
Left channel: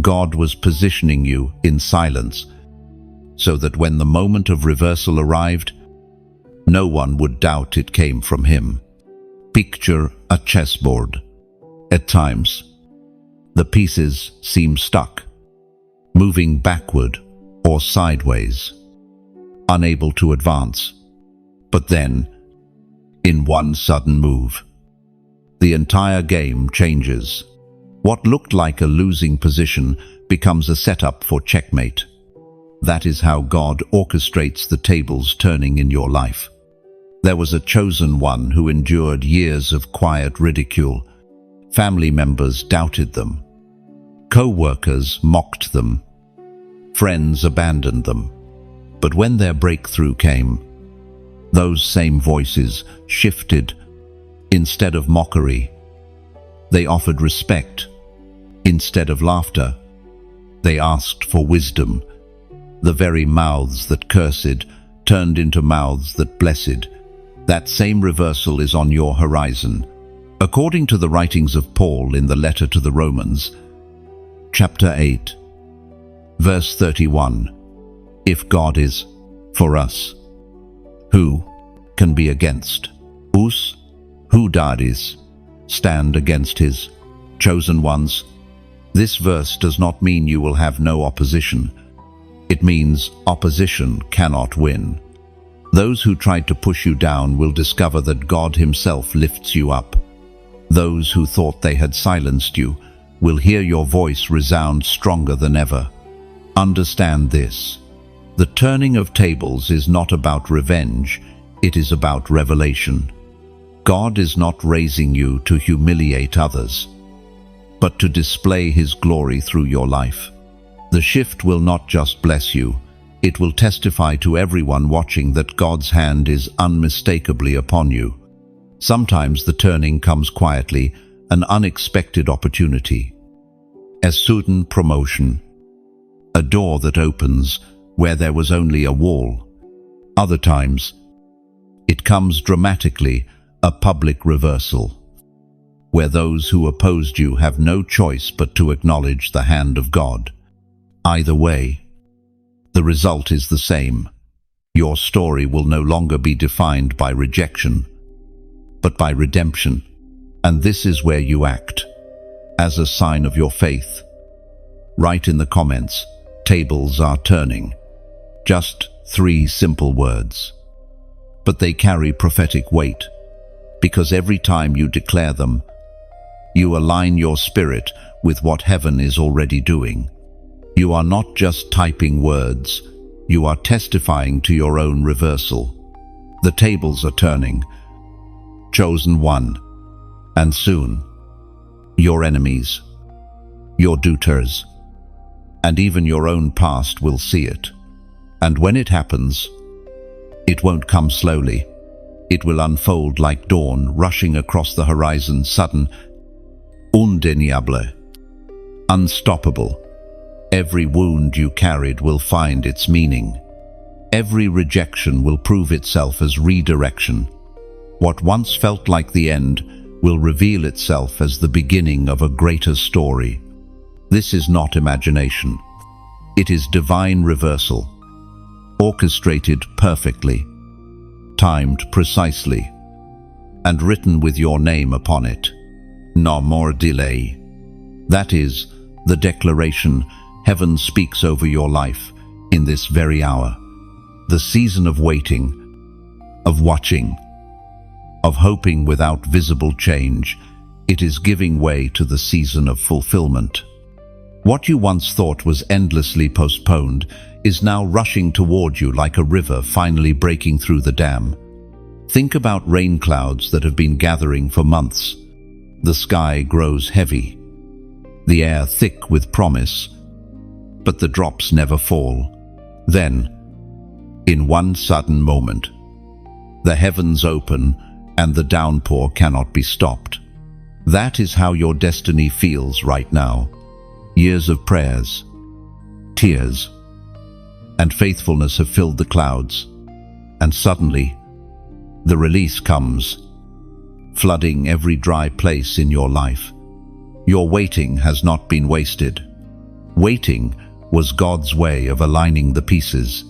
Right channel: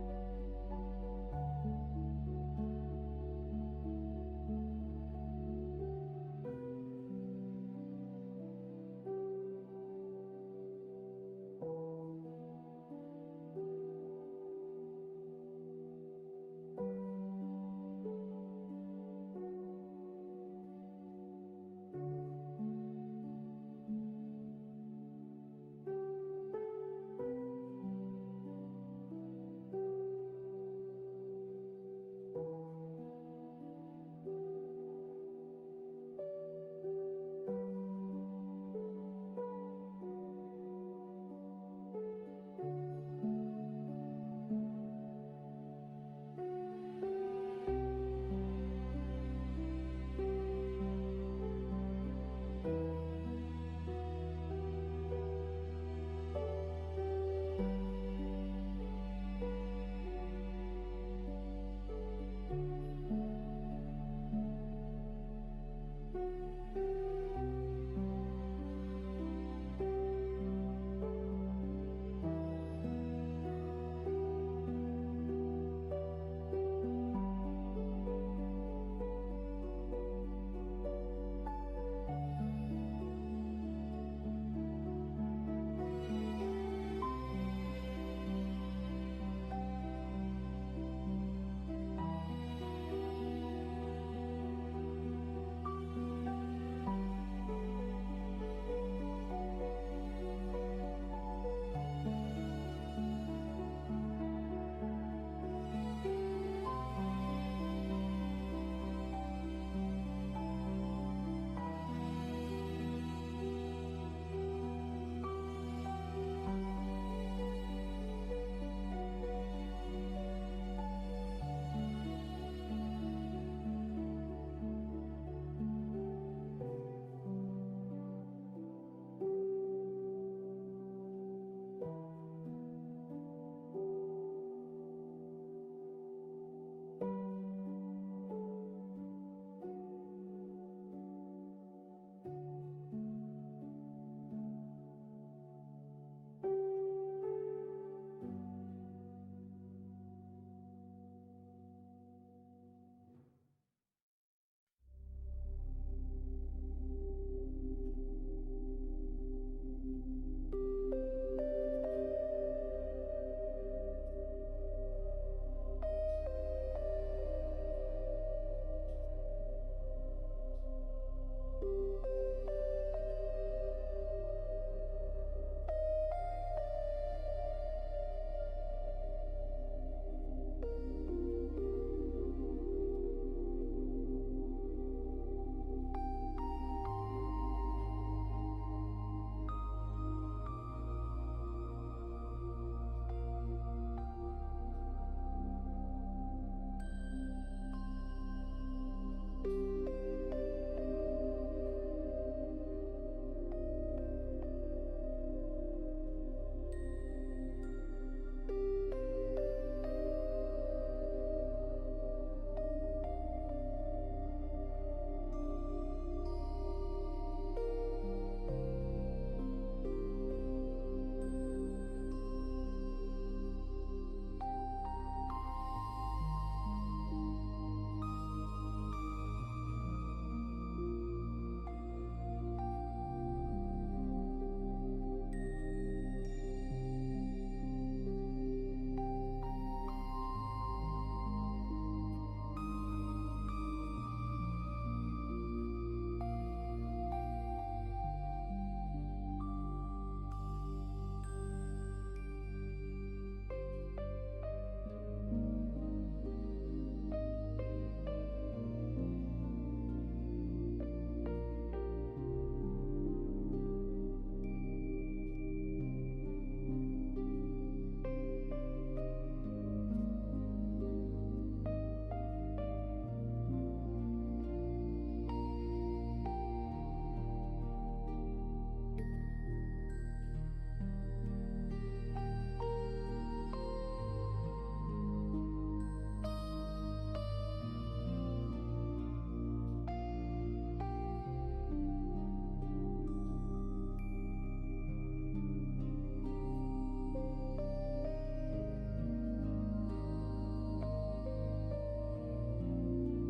God was positioning you in silence, so that when the moment of reversal arrived, no one would doubt it came from him. Picture a chessboard. At times, the pieces seem stuck, moving backward or sideways, unable to advance. But then, in one sudden move, the entire game changes. What looked like a losing position becomes a setup for checkmate. That is how God orchestrates the tables turning in your life. There was a chosen one who endured years of quiet ridicule. Family members doubted them. Co-workers mocked them. Friends abandoned them. But when their breakthrough came, those same voices shifted. Instead of mockery, they offered respect, Instead of laughter, they asked for wisdom. The very mouths that cursed turned into mouths that blessed. That same reversal is on your horizon. According to the writings of Paul in the letter to the Romans, chapter 8, verse 31, if God is for us, who can be against us? Who dares stand against his chosen ones? This verse does not mean you will have no opposition. It means opposition cannot win. Those who tried to push you down will discover that God himself lifts you up. Those who thought they had silenced you will hear your voice resound stronger than ever. Understand this. The turning of tables is not about revenge, it is about revelation. God is not raising you to humiliate others, but to display his glory through your life. The shift will not just bless you, it will testify to everyone watching that God's hand is unmistakably upon you. Sometimes the turning comes quietly, an unexpected opportunity. A sudden promotion. A door that opens where there was only a wall. Other times, it comes dramatically, a public reversal, where those who opposed you have no choice but to acknowledge the hand of God. Either way, the result is the same. Your story will no longer be defined by rejection, but by redemption. And this is where you act. As a sign of your faith, write in the comments, tables are turning. Just 3 simple words. But they carry prophetic weight, because every time you declare them, you align your spirit with what heaven is already doing. You are not just typing words, you are testifying to your own reversal. The tables are turning. Chosen one. And soon, your enemies, your doubters, and even your own past will see it. And when it happens, it won't come slowly. It will unfold like dawn rushing across the horizon, sudden, undeniable, unstoppable. Every wound you carried will find its meaning. Every rejection will prove itself as redirection. What once felt like the end will reveal itself as the beginning of a greater story. This is not imagination. It is divine reversal, orchestrated perfectly, timed precisely, and written with your name upon it. No more delay. That is the declaration heaven speaks over your life in this very hour. The season of waiting, of watching, of hoping without visible change, it is giving way to the season of fulfillment. What you once thought was endlessly postponed is now rushing toward you like a river finally breaking through the dam. Think about rain clouds that have been gathering for months. The sky grows heavy, the air thick with promise, but the drops never fall. Then, in one sudden moment, the heavens open and the downpour cannot be stopped. That is how your destiny feels right now. Years of prayers, tears, and faithfulness have filled the clouds, and suddenly, the release comes, flooding every dry place in your life. Your waiting has not been wasted. Waiting was God's way of aligning the pieces,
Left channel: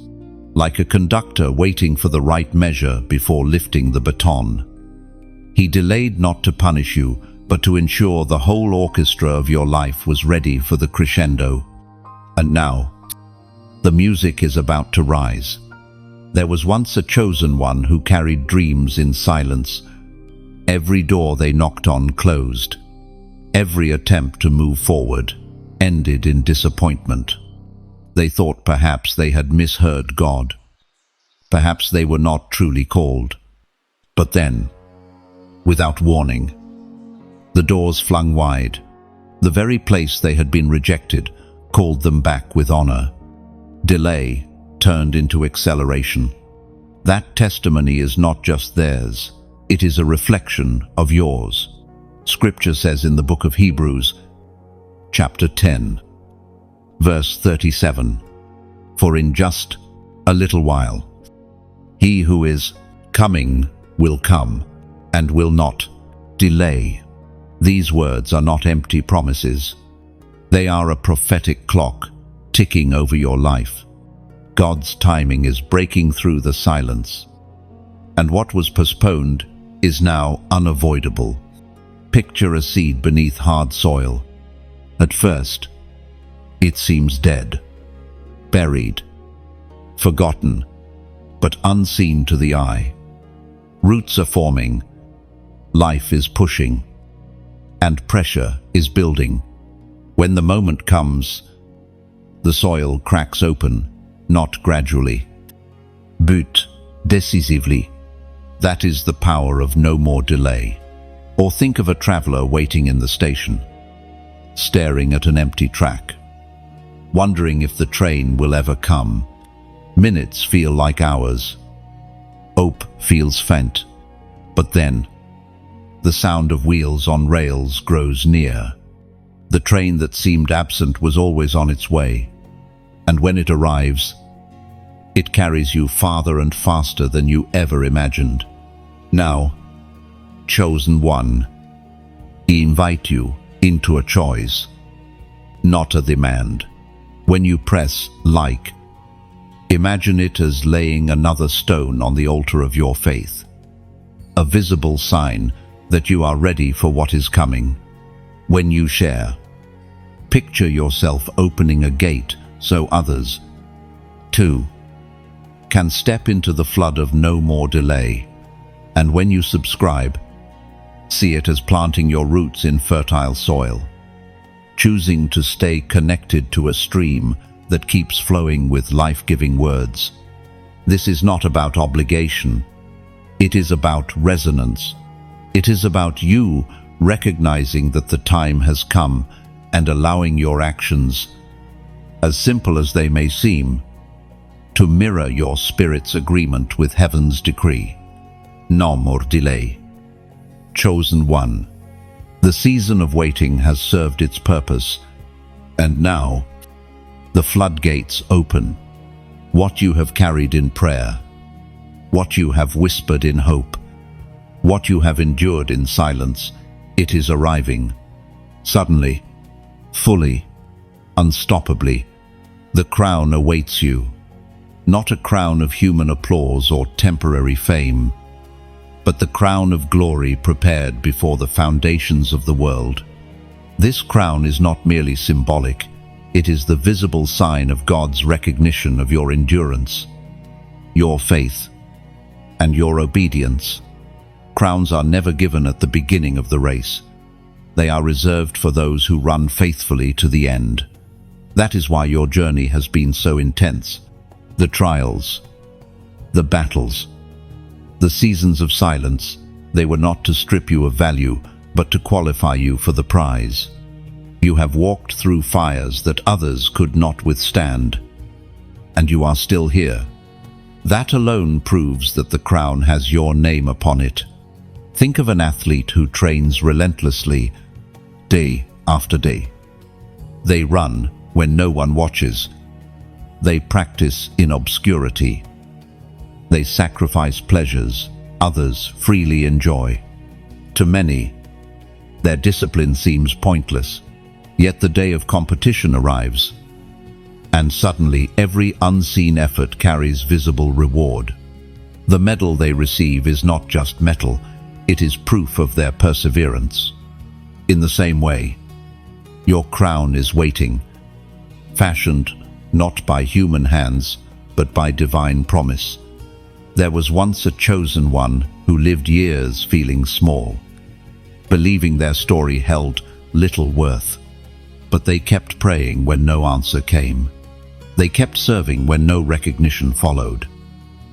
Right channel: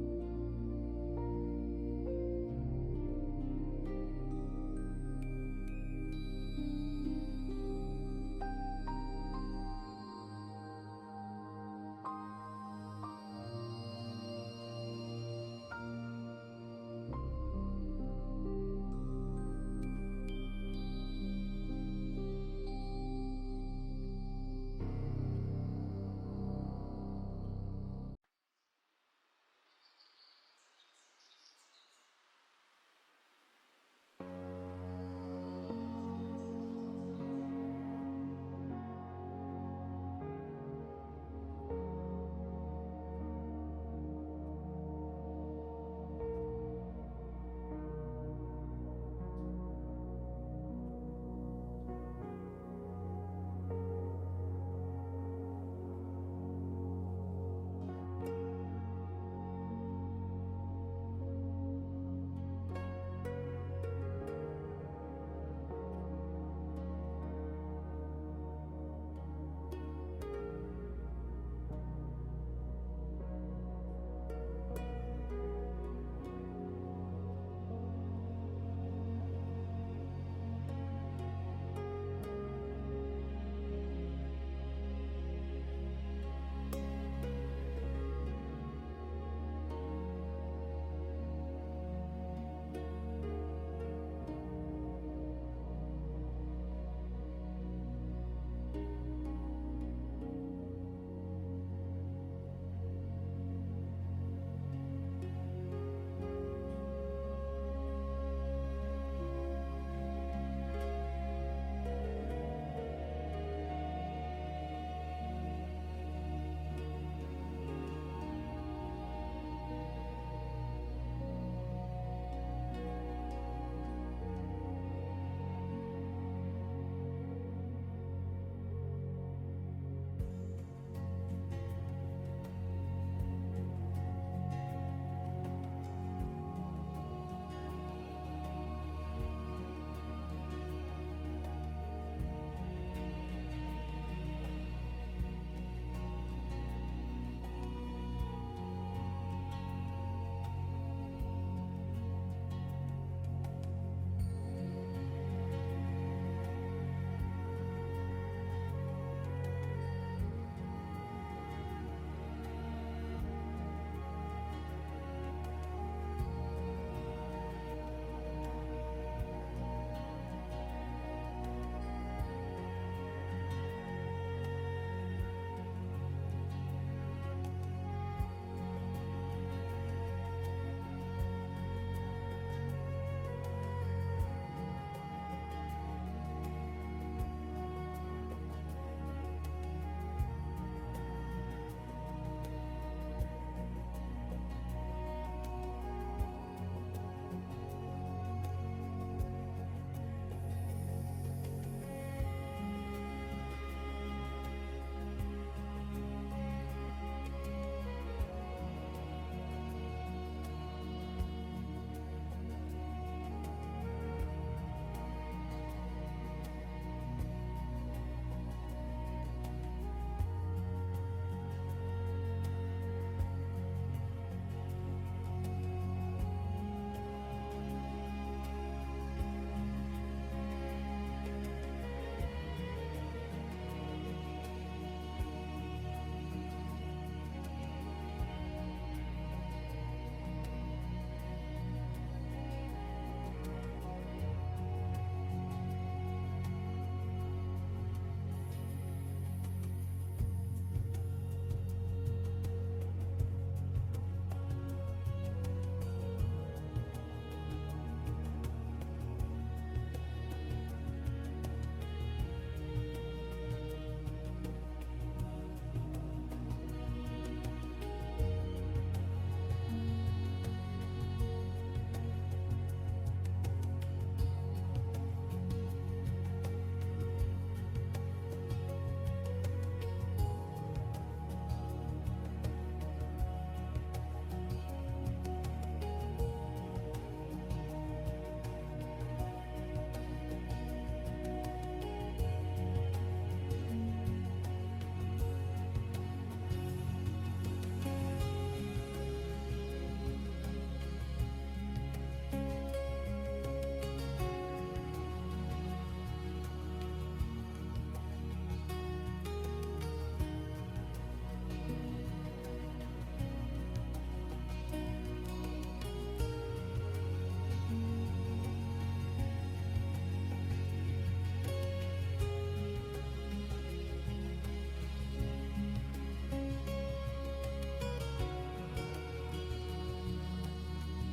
like a conductor waiting for the right measure before lifting the baton. He delayed not to punish you, but to ensure the whole orchestra of your life was ready for the crescendo. And now, the music is about to rise. There was once a chosen one who carried dreams in silence. Every door they knocked on closed. Every attempt to move forward ended in disappointment. They thought perhaps they had misheard God. Perhaps they were not truly called. But then, without warning, the doors flung wide. The very place they had been rejected called them back with honor. Delay turned into acceleration. That testimony is not just theirs, it is a reflection of yours. Scripture says in the book of Hebrews, chapter 10, verse 37. For in just a little while, he who is coming will come and will not delay. These words are not empty promises. They are a prophetic clock ticking over your life. God's timing is breaking through the silence, and what was postponed is now unavoidable. Picture a seed beneath hard soil. At first, it seems dead, buried, forgotten, but unseen to the eye. Roots are forming, life is pushing, and pressure is building. When the moment comes, the soil cracks open, not gradually, but decisively. That is the power of no more delay. Or think of a traveler waiting in the station, staring at an empty track, wondering if the train will ever come. Minutes feel like hours. Hope feels faint. But then, the sound of wheels on rails grows near. The train that seemed absent was always on its way, and when it arrives, it carries you farther and faster than you ever imagined. Now, chosen one, he invite you into a choice, not a demand. When you press like, imagine it as laying another stone on the altar of your faith, a visible sign that you are ready for what is coming. When you share, picture yourself opening a gate so others, too, can step into the flood of no more delay. And when you subscribe, see it as planting your roots in fertile soil, choosing to stay connected to a stream that keeps flowing with life-giving words. This is not about obligation. It is about resonance. It is about you recognizing that the time has come and allowing your actions, as simple as they may seem, to mirror your spirit's agreement with heaven's decree. No more delay. Chosen one. The season of waiting has served its purpose, and now the floodgates open. What you have carried in prayer, what you have whispered in hope, what you have endured in silence, it is arriving. Suddenly, fully, unstoppably, the crown awaits you. Not a crown of human applause or temporary fame, but the crown of glory prepared before the foundations of the world. This crown is not merely symbolic, it is the visible sign of God's recognition of your endurance, your faith, and your obedience. Crowns are never given at the beginning of the race. They are reserved for those who run faithfully to the end. That is why your journey has been so intense. The trials, the battles, the seasons of silence, they were not to strip you of value, but to qualify you for the prize. You have walked through fires that others could not withstand, and you are still here. That alone proves that the crown has your name upon it. Think of an athlete who trains relentlessly, day after day. They run when no one watches. They practice in obscurity. They sacrifice pleasures others freely enjoy. To many, their discipline seems pointless, yet the day of competition arrives, and suddenly every unseen effort carries visible reward. The medal they receive is not just metal, it is proof of their perseverance. In the same way, your crown is waiting, fashioned not by human hands, but by divine promise. There was once a chosen one who lived years feeling small, believing their story held little worth. But they kept praying when no answer came. They kept serving when no recognition followed.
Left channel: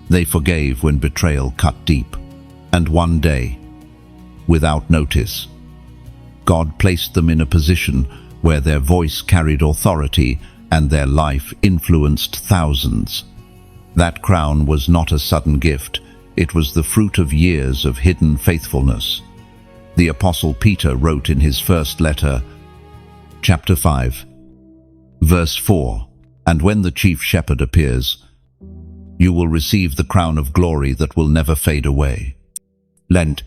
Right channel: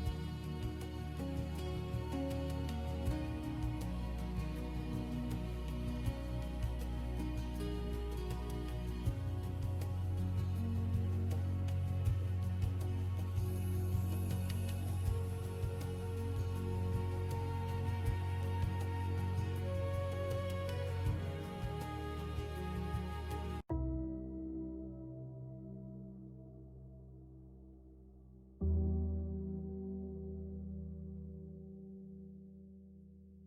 They forgave when betrayal cut deep. And one day, without notice, God placed them in a position where their voice carried authority and their life influenced thousands. That crown was not a sudden gift, it was the fruit of years of hidden faithfulness. The Apostle Peter wrote in his first letter, chapter 5, verse 4. And when the chief shepherd appears, you will receive the crown of glory that will never fade away. Lent,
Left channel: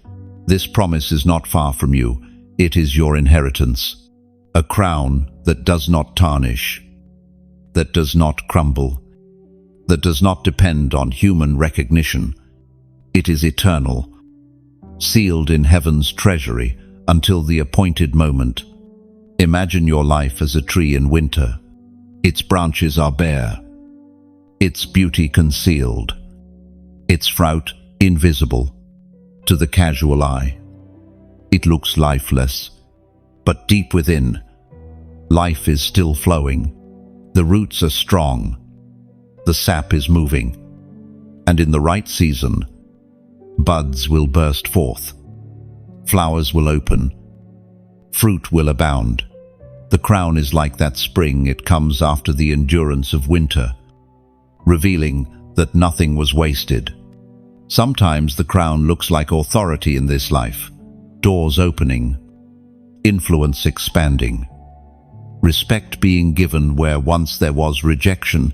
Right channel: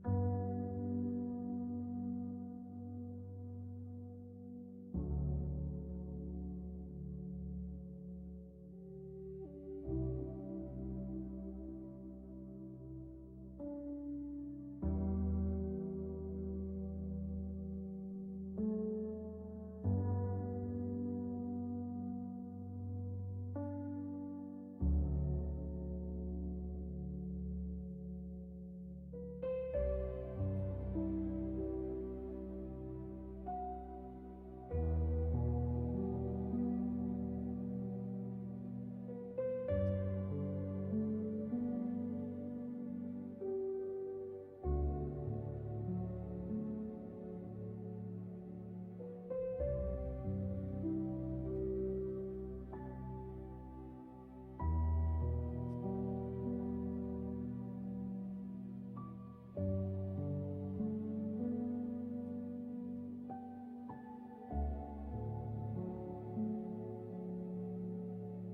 this promise is not far from you. It is your inheritance. A crown that does not tarnish, that does not crumble, that does not depend on human recognition. It is eternal, sealed in heaven's treasury until the appointed moment. Imagine your life as a tree in winter. Its branches are bare, its beauty concealed, its fruit invisible to the casual eye. It looks lifeless, but deep within, life is still flowing. The roots are strong, the sap is moving, and in the right season, buds will burst forth, flowers will open, fruit will abound. The crown is like that spring, it comes after the endurance of winter, revealing that nothing was wasted. Sometimes the crown looks like authority in this life, doors opening, influence expanding, respect being given where once there was rejection.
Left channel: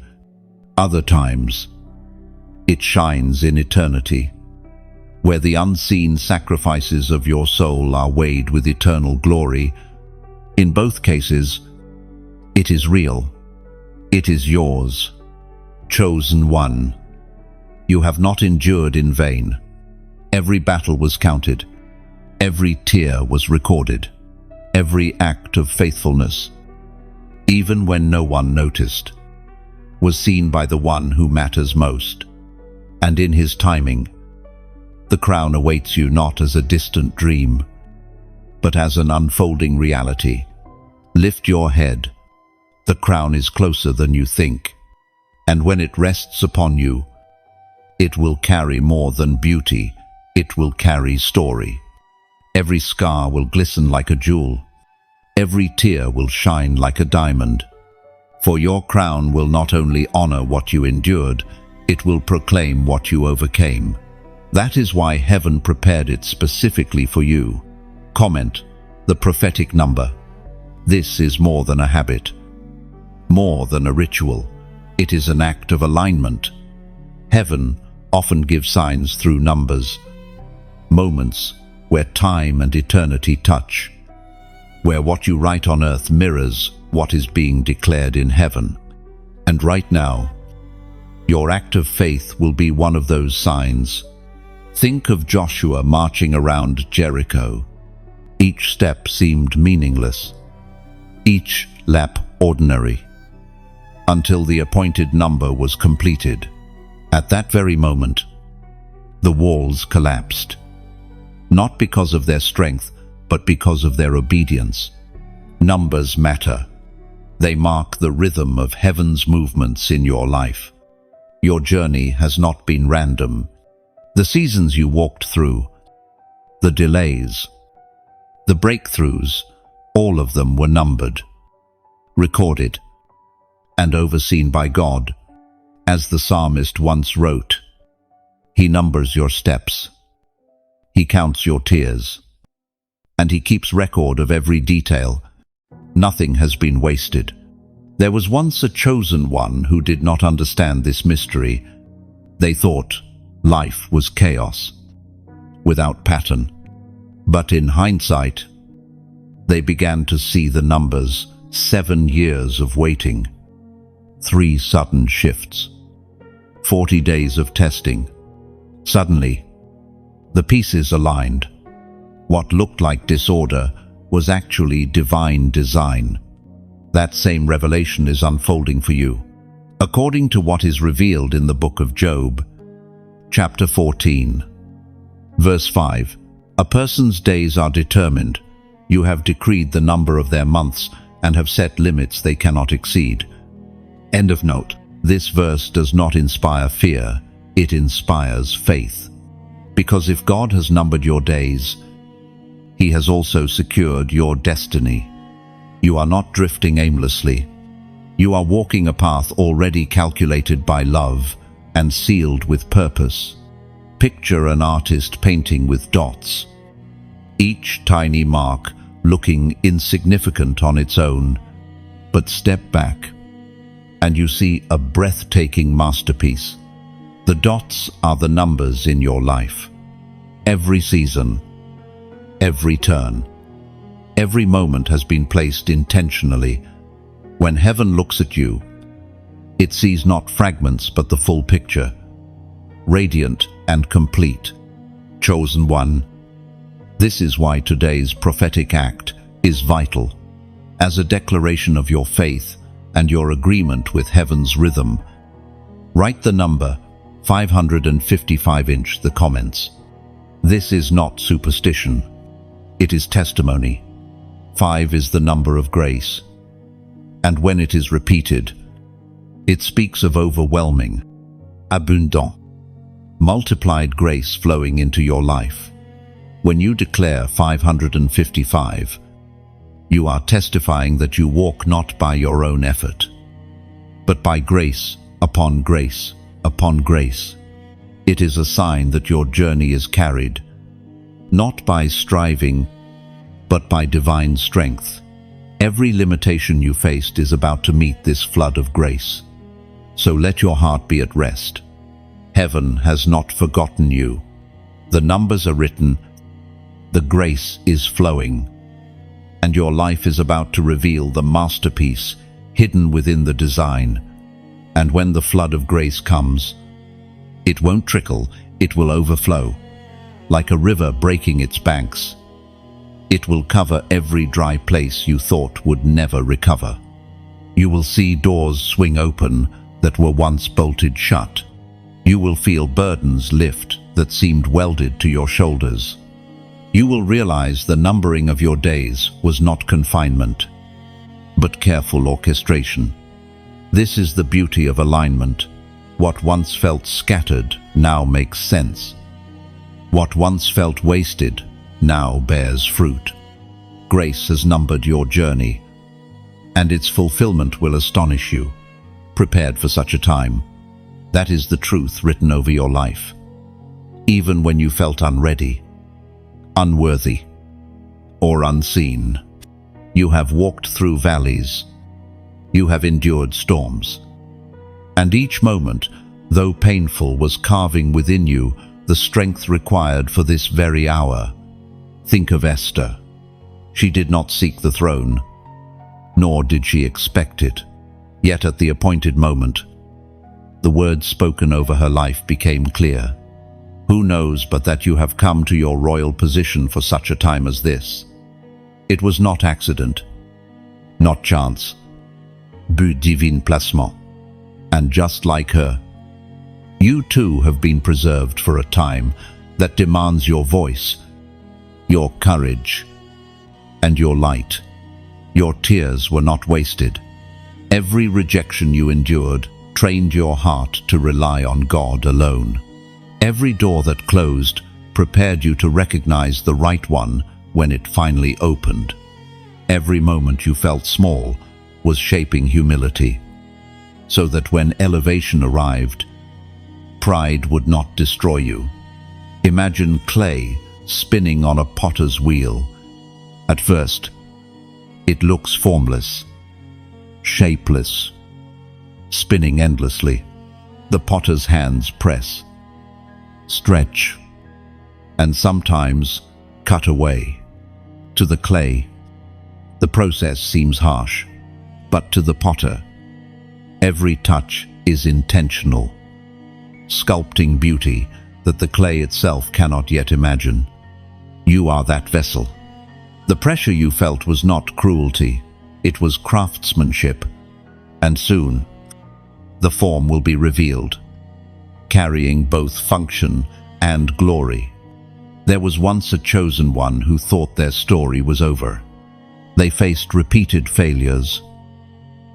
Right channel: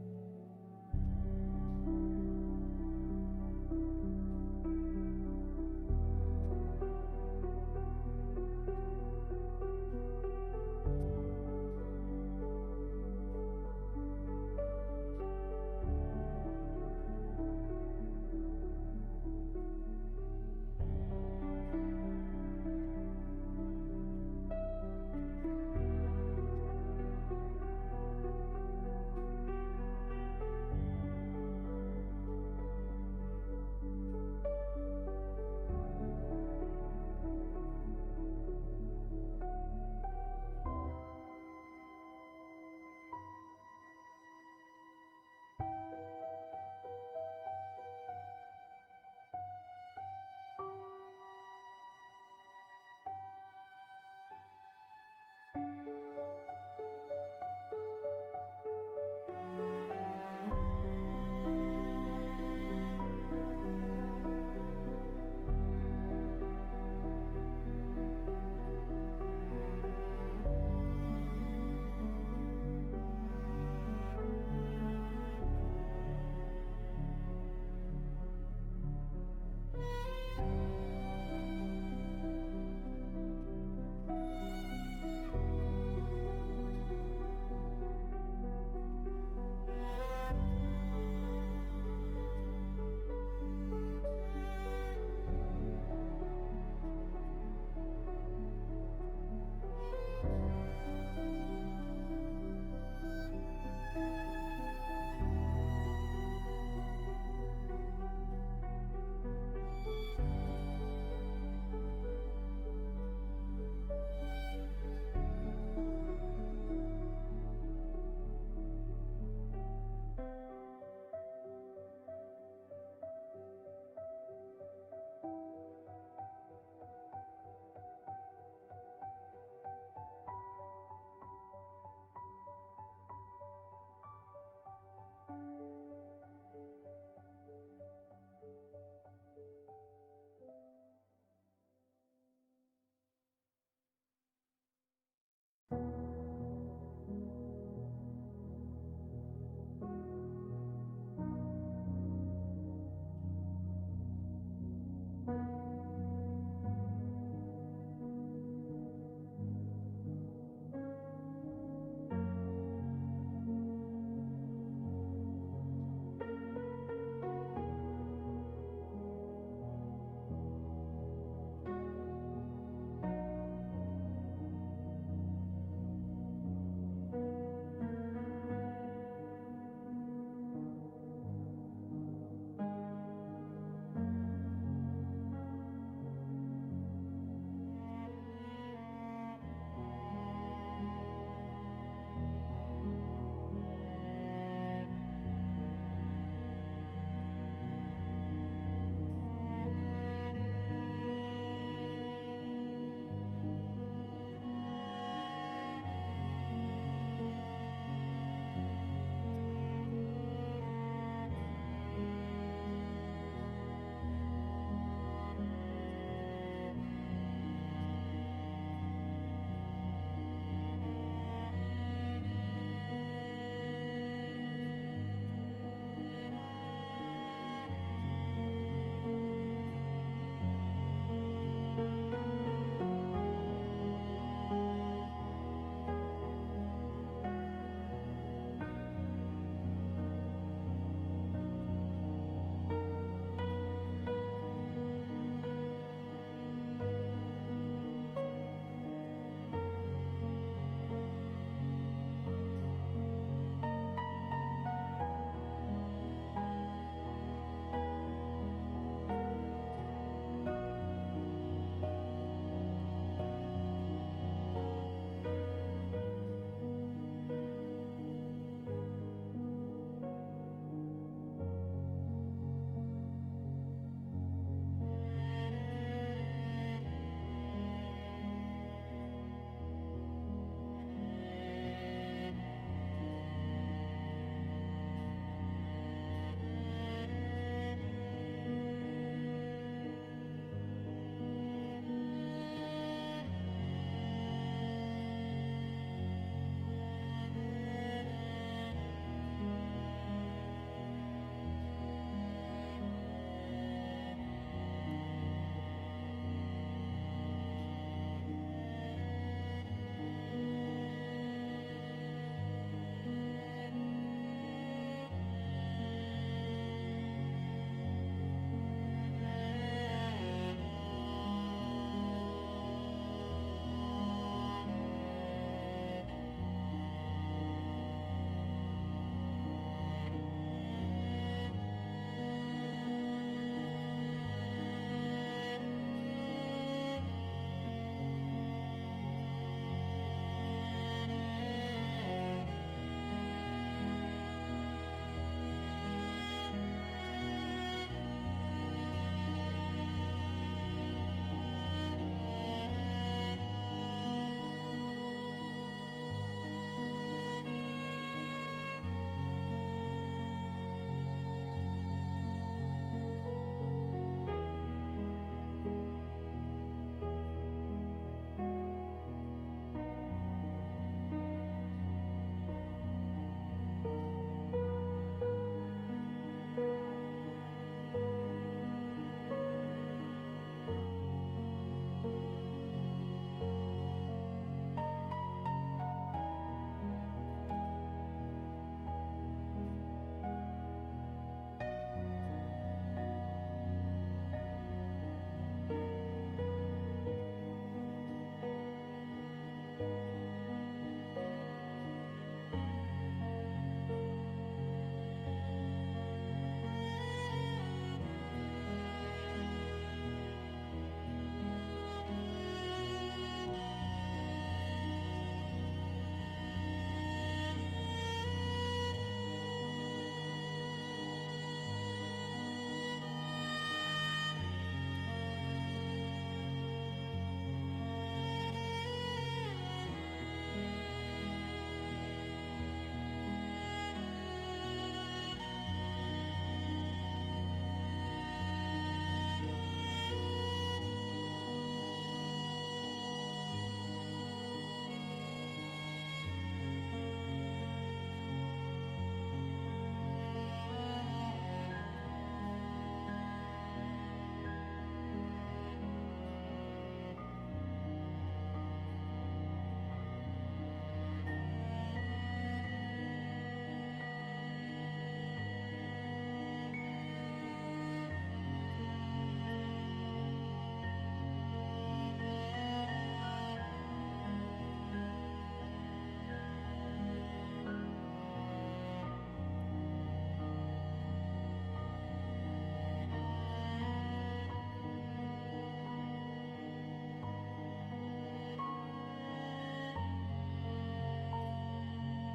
Other times, it shines in eternity, where the unseen sacrifices of your soul are weighed with eternal glory. In both cases, it is real. It is yours, chosen one. You have not endured in vain. Every battle was counted. Every tear was recorded. Every act of faithfulness, even when no one noticed, was seen by the one who matters most. And in his timing, the crown awaits you not as a distant dream, but as an unfolding reality. Lift your head. The crown is closer than you think, and when it rests upon you, it will carry more than beauty, it will carry story. Every scar will glisten like a jewel. Every tear will shine like a diamond. For your crown will not only honor what you endured, it will proclaim what you overcame. That is why heaven prepared it specifically for you. Comment: the prophetic number. This is more than a habit, more than a ritual. It is an act of alignment. Heaven often gives signs through numbers, moments where time and eternity touch, where what you write on earth mirrors what is being declared in heaven. And right now, your act of faith will be one of those signs. Think of Joshua marching around Jericho. Each step seemed meaningless, each lap ordinary, until the appointed number was completed. At that very moment, the walls collapsed, not because of their strength, but because of their obedience. Numbers matter. They mark the rhythm of heaven's movements in your life. Your journey has not been random. The seasons you walked through, the delays, the breakthroughs, all of them were numbered, recorded, and overseen by God. As the psalmist once wrote, He numbers your steps, He counts your tears, and He keeps record of every detail. Nothing has been wasted. There was once a chosen one who did not understand this mystery. They thought life was chaos, without pattern. But in hindsight, they began to see the numbers: 7 years of waiting, 3 sudden shifts, 40 days of testing. Suddenly, the pieces aligned. What looked like disorder was actually divine design. That same revelation is unfolding for you. According to what is revealed in the book of Job, chapter 14, verse 5, a person's days are determined. You have decreed the number of their months and have set limits they cannot exceed. End of note. This verse does not inspire fear, it inspires faith. Because if God has numbered your days, He has also secured your destiny. You are not drifting aimlessly. You are walking a path already calculated by love and sealed with purpose. Picture an artist painting with dots. Each tiny mark looking insignificant on its own. But step back, and you see a breathtaking masterpiece. The dots are the numbers in your life. Every season, every turn, every moment has been placed intentionally. When heaven looks at you, it sees not fragments but the full picture, radiant and complete. Chosen one. This is why today's prophetic act is vital. As a declaration of your faith and your agreement with heaven's rhythm, write the number 555 in the comments. This is not superstition. It is testimony. 5 is the number of grace. And when it is repeated, it speaks of overwhelming, abundant, multiplied grace flowing into your life. When you declare 555, you are testifying that you walk not by your own effort, but by grace upon grace upon grace. It is a sign that your journey is carried, not by striving, but by divine strength. Every limitation you faced is about to meet this flood of grace. So let your heart be at rest. Heaven has not forgotten you. The numbers are written, the grace is flowing, and your life is about to reveal the masterpiece hidden within the design. And when the flood of grace comes, it won't trickle, it will overflow. Like a river breaking its banks, it will cover every dry place you thought would never recover. You will see doors swing open that were once bolted shut. You will feel burdens lift that seemed welded to your shoulders. You will realize the numbering of your days was not confinement, but careful orchestration. This is the beauty of alignment. What once felt scattered now makes sense. What once felt wasted now bears fruit. Grace has numbered your journey, and its fulfillment will astonish you. Prepared for such a time. That is the truth written over your life. Even when you felt unready, unworthy, or unseen, you have walked through valleys. You have endured storms. And each moment, though painful, was carving within you the strength required for this very hour. Think of Esther. She did not seek the throne, nor did she expect it. Yet at the appointed moment, the words spoken over her life became clear. Who knows but that you have come to your royal position for such a time as this? It was not accident, not chance, but divin placement. And just like her, you too have been preserved for a time that demands your voice, your courage, and your light. Your tears were not wasted. Every rejection you endured trained your heart to rely on God alone. Every door that closed prepared you to recognize the right one when it finally opened. Every moment you felt small was shaping humility, so that when elevation arrived, pride would not destroy you. Imagine clay spinning on a potter's wheel. At first, it looks formless, shapeless, spinning endlessly. The potter's hands press, stretch, and sometimes cut away. To the clay, the process seems harsh, but to the potter, every touch is intentional, sculpting beauty that the clay itself cannot yet imagine. You are that vessel. The pressure you felt was not cruelty, it was craftsmanship, and soon the form will be revealed, carrying both function and glory. There was once a chosen one who thought their story was over. They faced repeated failures,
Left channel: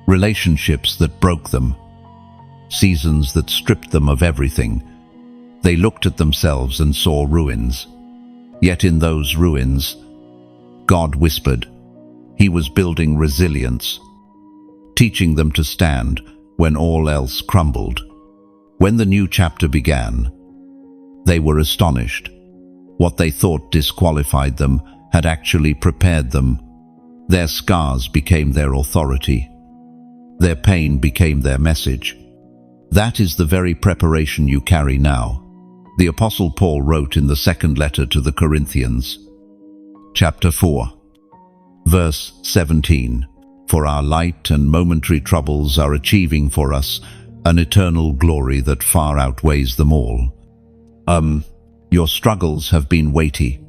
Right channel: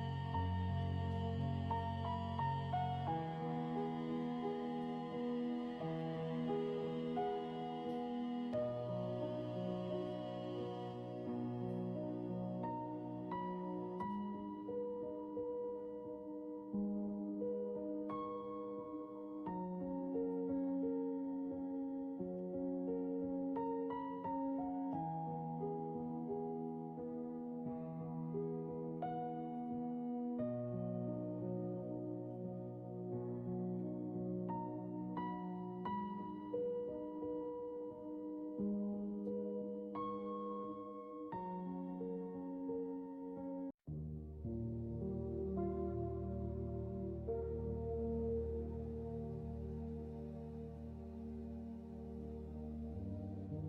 relationships that broke them, seasons that stripped them of everything. They looked at themselves and saw ruins. Yet in those ruins, God whispered. He was building resilience, teaching them to stand when all else crumbled. When the new chapter began, they were astonished. What they thought disqualified them had actually prepared them. Their scars became their authority. Their pain became their message. That is the very preparation you carry now. The Apostle Paul wrote in the second letter to the Corinthians, chapter 4, verse 17, "For our light and momentary troubles are achieving for us an eternal glory that far outweighs them all." Your struggles have been weighty,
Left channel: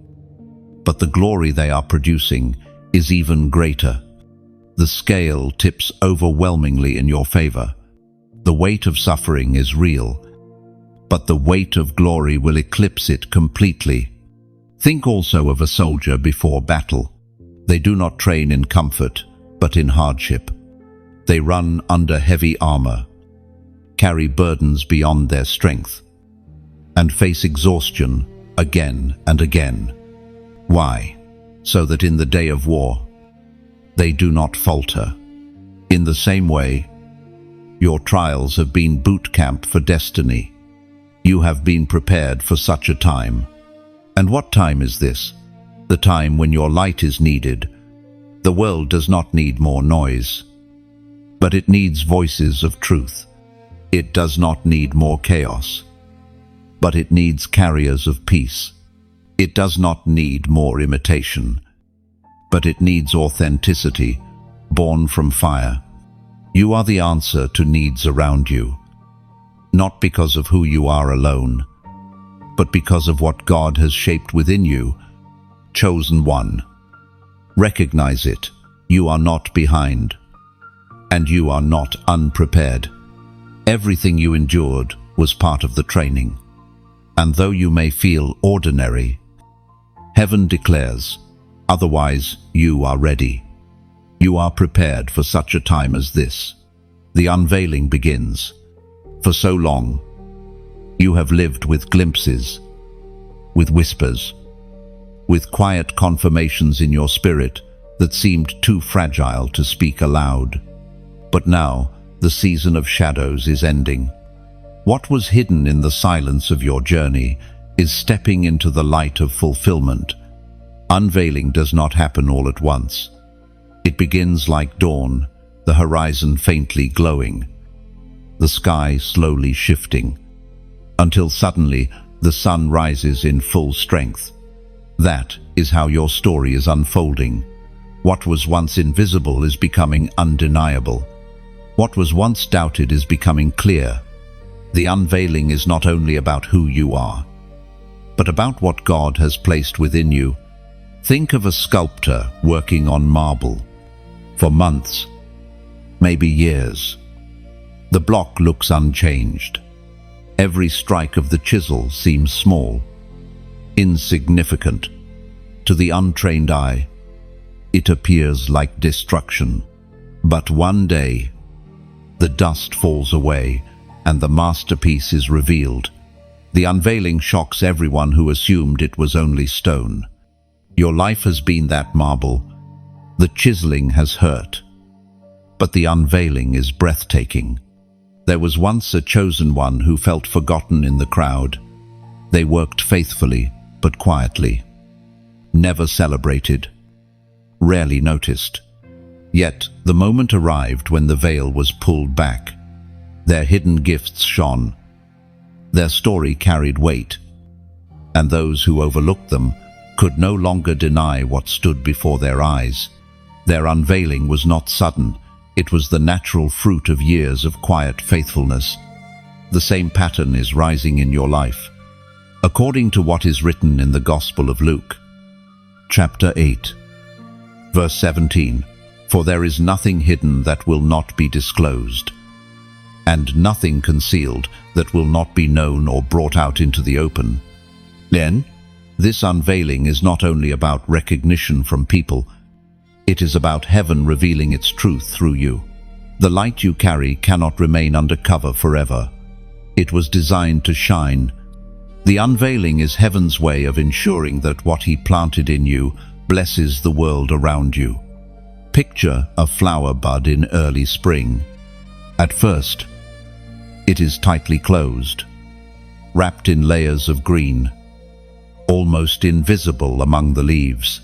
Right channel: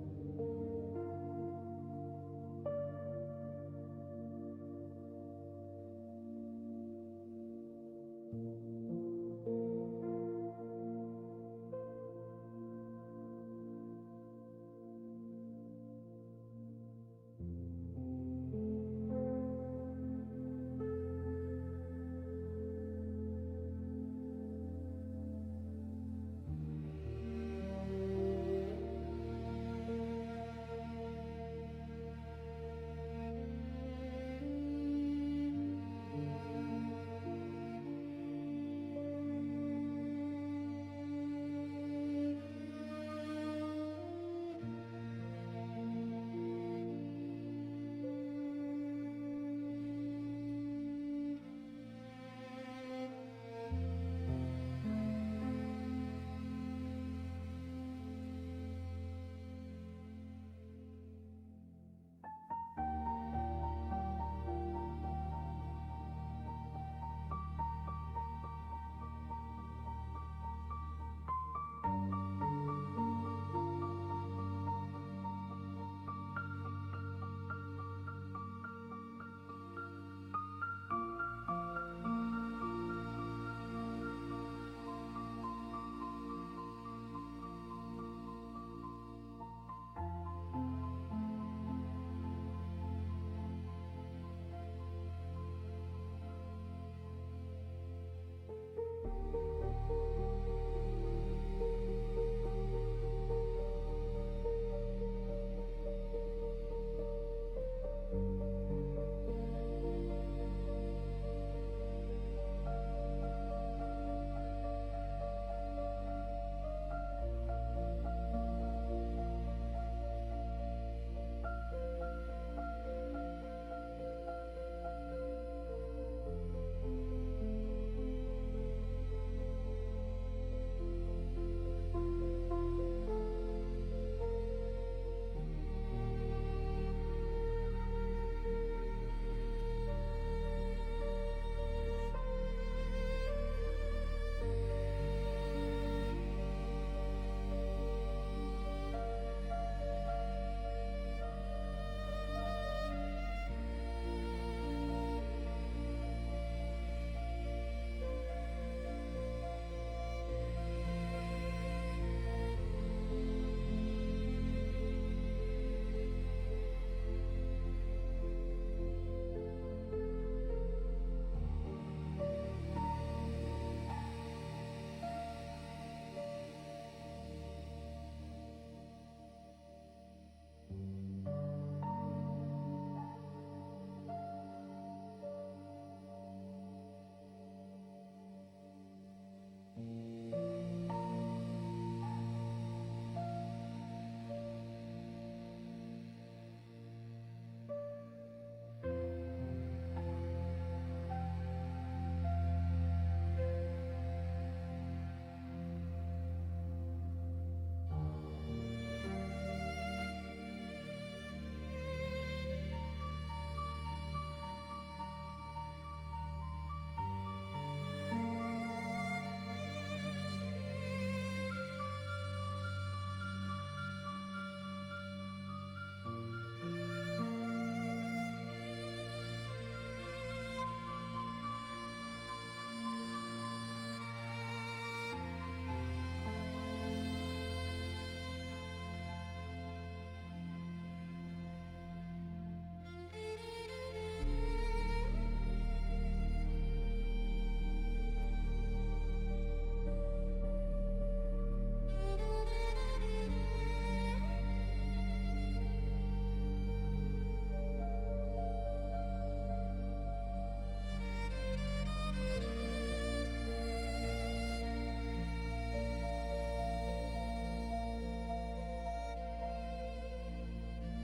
but the glory they are producing is even greater. The scale tips overwhelmingly in your favor. The weight of suffering is real, but the weight of glory will eclipse it completely. Think also of a soldier before battle. They do not train in comfort, but in hardship. They run under heavy armor, carry burdens beyond their strength, and face exhaustion again and again. Why? So that in the day of war, they do not falter. In the same way, your trials have been boot camp for destiny. You have been prepared for such a time. And what time is this? The time when your light is needed. The world does not need more noise, but it needs voices of truth. It does not need more chaos, but it needs carriers of peace. It does not need more imitation, but it needs authenticity, born from fire. You are the answer to needs around you, not because of who you are alone, but because of what God has shaped within you. Chosen one. Recognize it. You are not behind, and you are not unprepared. Everything you endured was part of the training. And though you may feel ordinary, heaven declares, otherwise you are ready. You are prepared for such a time as this. The unveiling begins. For so long, you have lived with glimpses, with whispers, with quiet confirmations in your spirit that seemed too fragile to speak aloud. But now, the season of shadows is ending. What was hidden in the silence of your journey is stepping into the light of fulfillment. Unveiling does not happen all at once. It begins like dawn, the horizon faintly glowing, the sky slowly shifting, until suddenly the sun rises in full strength. That is how your story is unfolding. What was once invisible is becoming undeniable. What was once doubted is becoming clear. The unveiling is not only about who you are, but about what God has placed within you. Think of a sculptor working on marble for months, maybe years. The block looks unchanged. Every strike of the chisel seems small, insignificant. To the untrained eye, it appears like destruction. But one day, the dust falls away and the masterpiece is revealed. The unveiling shocks everyone who assumed it was only stone. Your life has been that marble. The chiseling has hurt, but the unveiling is breathtaking. There was once a chosen one who felt forgotten in the crowd. They worked faithfully, but quietly. Never celebrated, rarely noticed. Yet the moment arrived when the veil was pulled back. Their hidden gifts shone. Their story carried weight, and those who overlooked them could no longer deny what stood before their eyes. Their unveiling was not sudden. It was the natural fruit of years of quiet faithfulness. The same pattern is rising in your life. According to what is written in the Gospel of Luke, chapter 8, verse 17, "For there is nothing hidden that will not be disclosed, and nothing concealed that will not be known or brought out into the open." Then, this unveiling is not only about recognition from people, it is about heaven revealing its truth through you. The light you carry cannot remain undercover forever. It was designed to shine. The unveiling is heaven's way of ensuring that what he planted in you blesses the world around you. Picture a flower bud in early spring. At first, it is tightly closed, wrapped in layers of green, almost invisible among the leaves.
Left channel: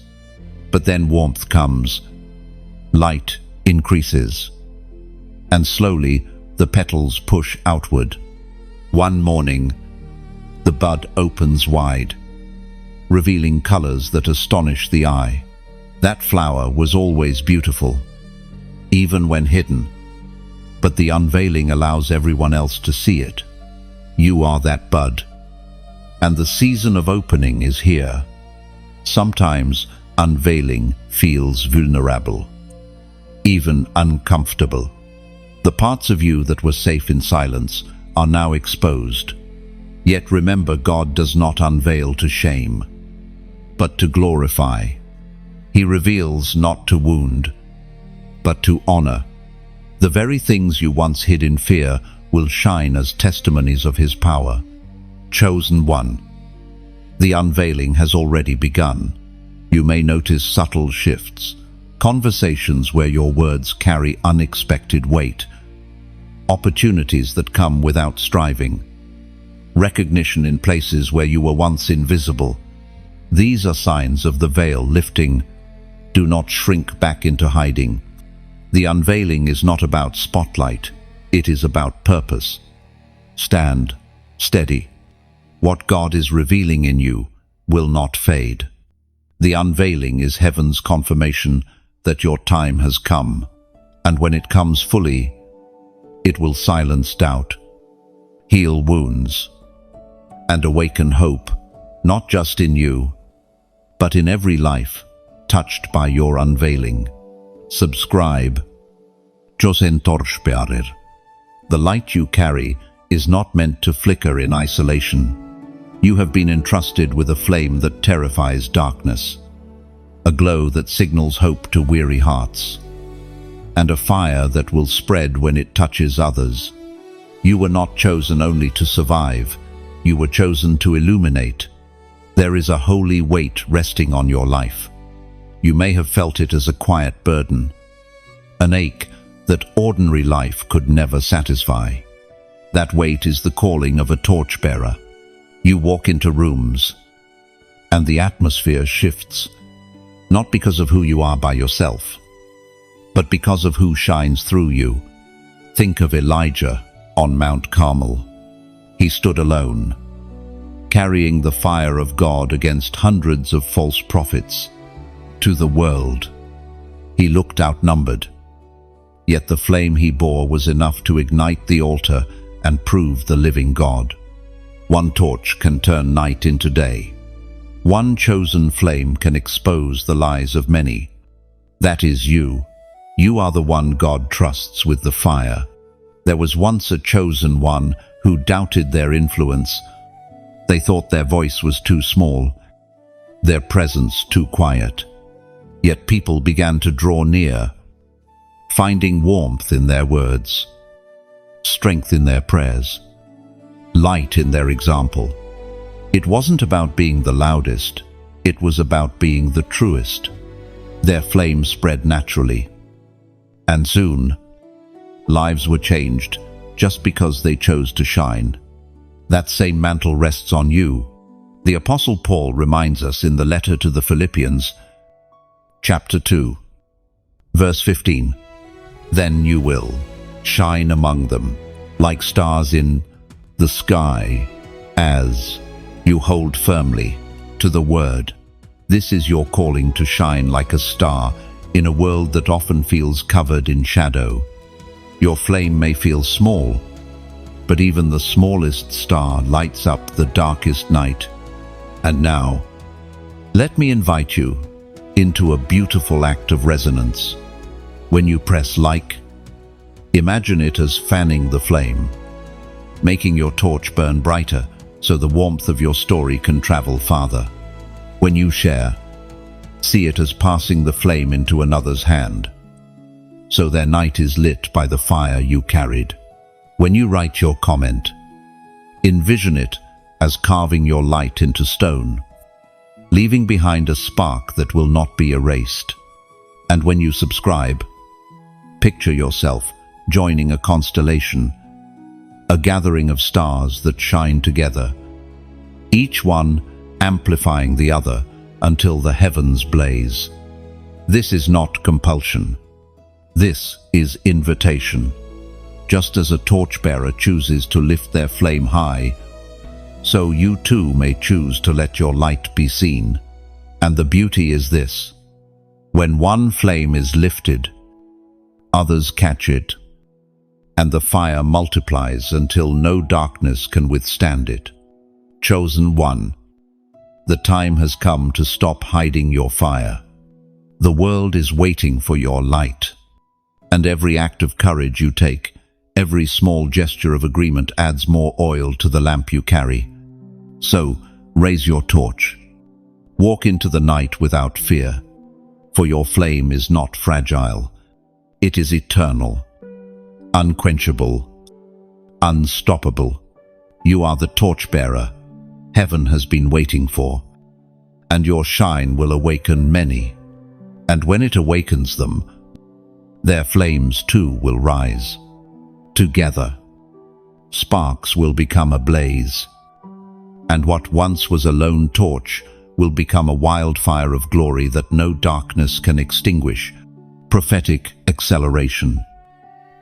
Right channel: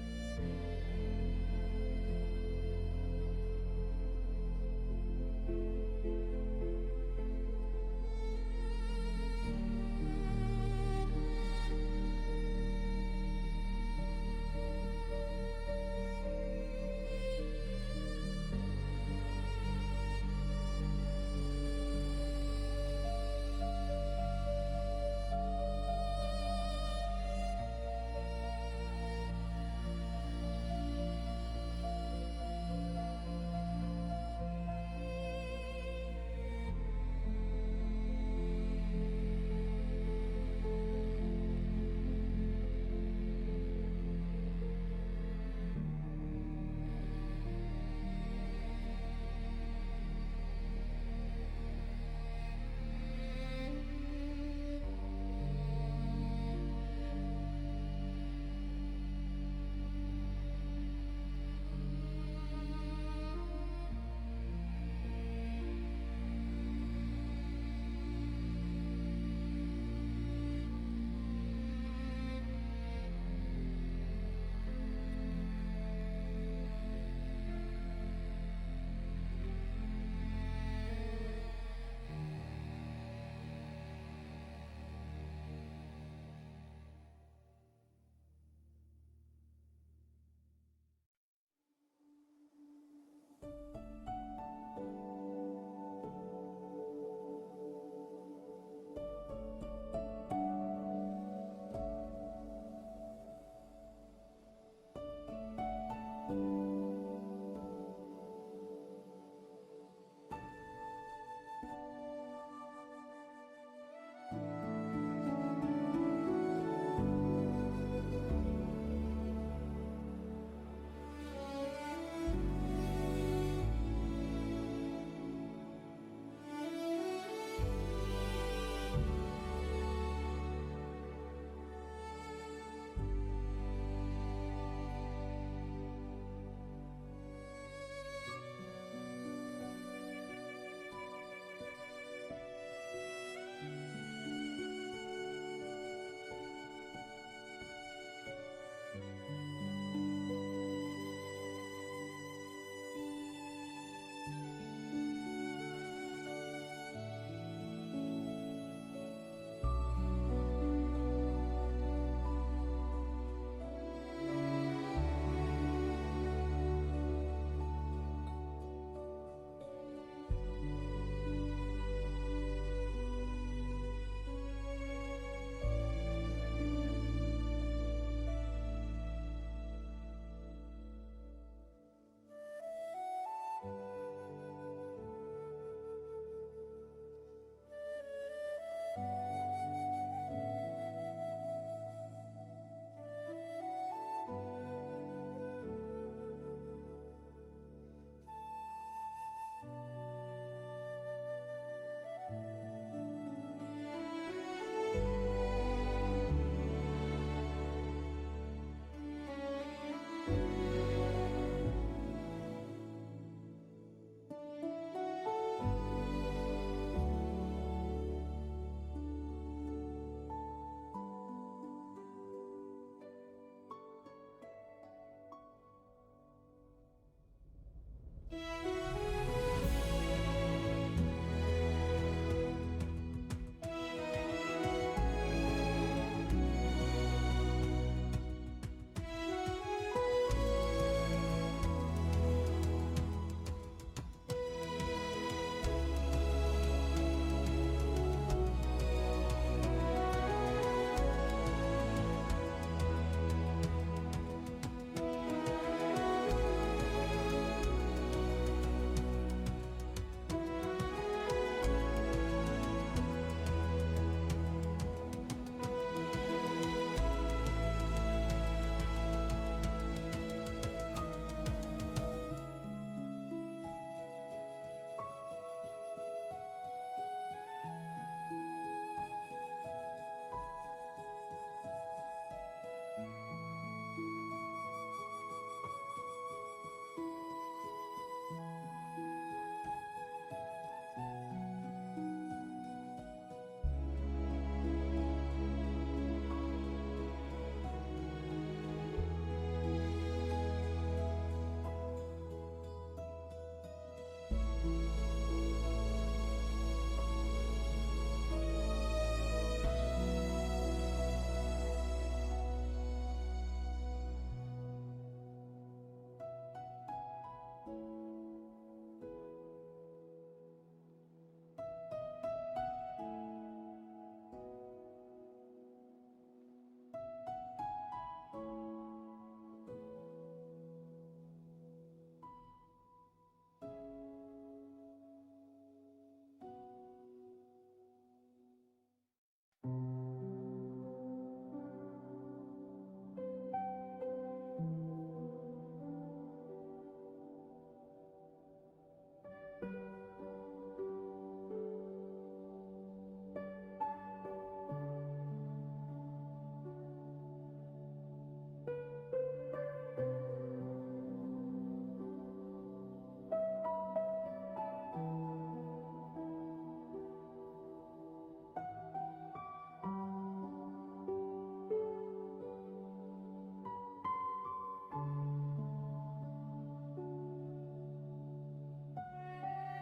But then warmth comes, light increases, and slowly the petals push outward. One morning, the bud opens wide, revealing colors that astonish the eye. That flower was always beautiful, even when hidden, but the unveiling allows everyone else to see it. You are that bud, and the season of opening is here. Sometimes unveiling feels vulnerable, even uncomfortable. The parts of you that were safe in silence are now exposed. Yet remember, God does not unveil to shame, but to glorify. He reveals not to wound, but to honor. The very things you once hid in fear will shine as testimonies of His power. Chosen one. The unveiling has already begun. You may notice subtle shifts, conversations where your words carry unexpected weight, opportunities that come without striving, recognition in places where you were once invisible. These are signs of the veil lifting. Do not shrink back into hiding. The unveiling is not about spotlight, it is about purpose. Stand steady. What God is revealing in you will not fade. The unveiling is heaven's confirmation that your time has come, and when it comes fully, it will silence doubt, heal wounds, and awaken hope, not just in you, but in every life touched by your unveiling. Subscribe. Josen Torchbearer. The light you carry is not meant to flicker in isolation. You have been entrusted with a flame that terrifies darkness, a glow that signals hope to weary hearts, and a fire that will spread when it touches others. You were not chosen only to survive, you were chosen to illuminate. There is a holy weight resting on your life. You may have felt it as a quiet burden, an ache that ordinary life could never satisfy. That weight is the calling of a torchbearer. You walk into rooms, and the atmosphere shifts, not because of who you are by yourself, but because of who shines through you. Think of Elijah on Mount Carmel. He stood alone, carrying the fire of God against hundreds of false prophets. To the world, he looked outnumbered, yet the flame he bore was enough to ignite the altar and prove the living God. One torch can turn night into day. One chosen flame can expose the lies of many. That is you. You are the one God trusts with the fire. There was once a chosen one who doubted their influence. They thought their voice was too small, their presence too quiet. Yet people began to draw near, finding warmth in their words, strength in their prayers, light in their example. It wasn't about being the loudest, it was about being the truest. Their flame spread naturally, and soon, lives were changed just because they chose to shine. That same mantle rests on you. The Apostle Paul reminds us in the letter to the Philippians, chapter 2, verse 15, "Then you will shine among them like stars in the sky as you hold firmly to the word." This is your calling to shine like a star in a world that often feels covered in shadow. Your flame may feel small, but even the smallest star lights up the darkest night. And now, let me invite you into a beautiful act of resonance. When you press like, imagine it as fanning the flame, making your torch burn brighter so the warmth of your story can travel farther. When you share, see it as passing the flame into another's hand, so their night is lit by the fire you carried. When you write your comment, envision it as carving your light into stone, leaving behind a spark that will not be erased. And when you subscribe, picture yourself joining a constellation, a gathering of stars that shine together, each one amplifying the other until the heavens blaze. This is not compulsion. This is invitation. Just as a torchbearer chooses to lift their flame high, so you too may choose to let your light be seen. And the beauty is this: when one flame is lifted, others catch it, and the fire multiplies until no darkness can withstand it. Chosen one, the time has come to stop hiding your fire. The world is waiting for your light, and every act of courage you take, every small gesture of agreement adds more oil to the lamp you carry. So, raise your torch. Walk into the night without fear, for your flame is not fragile. It is eternal, unquenchable, unstoppable. You are the torchbearer heaven has been waiting for, and your shine will awaken many. And when it awakens them, their flames too will rise. Together, sparks will become a blaze, and what once was a lone torch will become a wildfire of glory that no darkness can extinguish. Prophetic acceleration.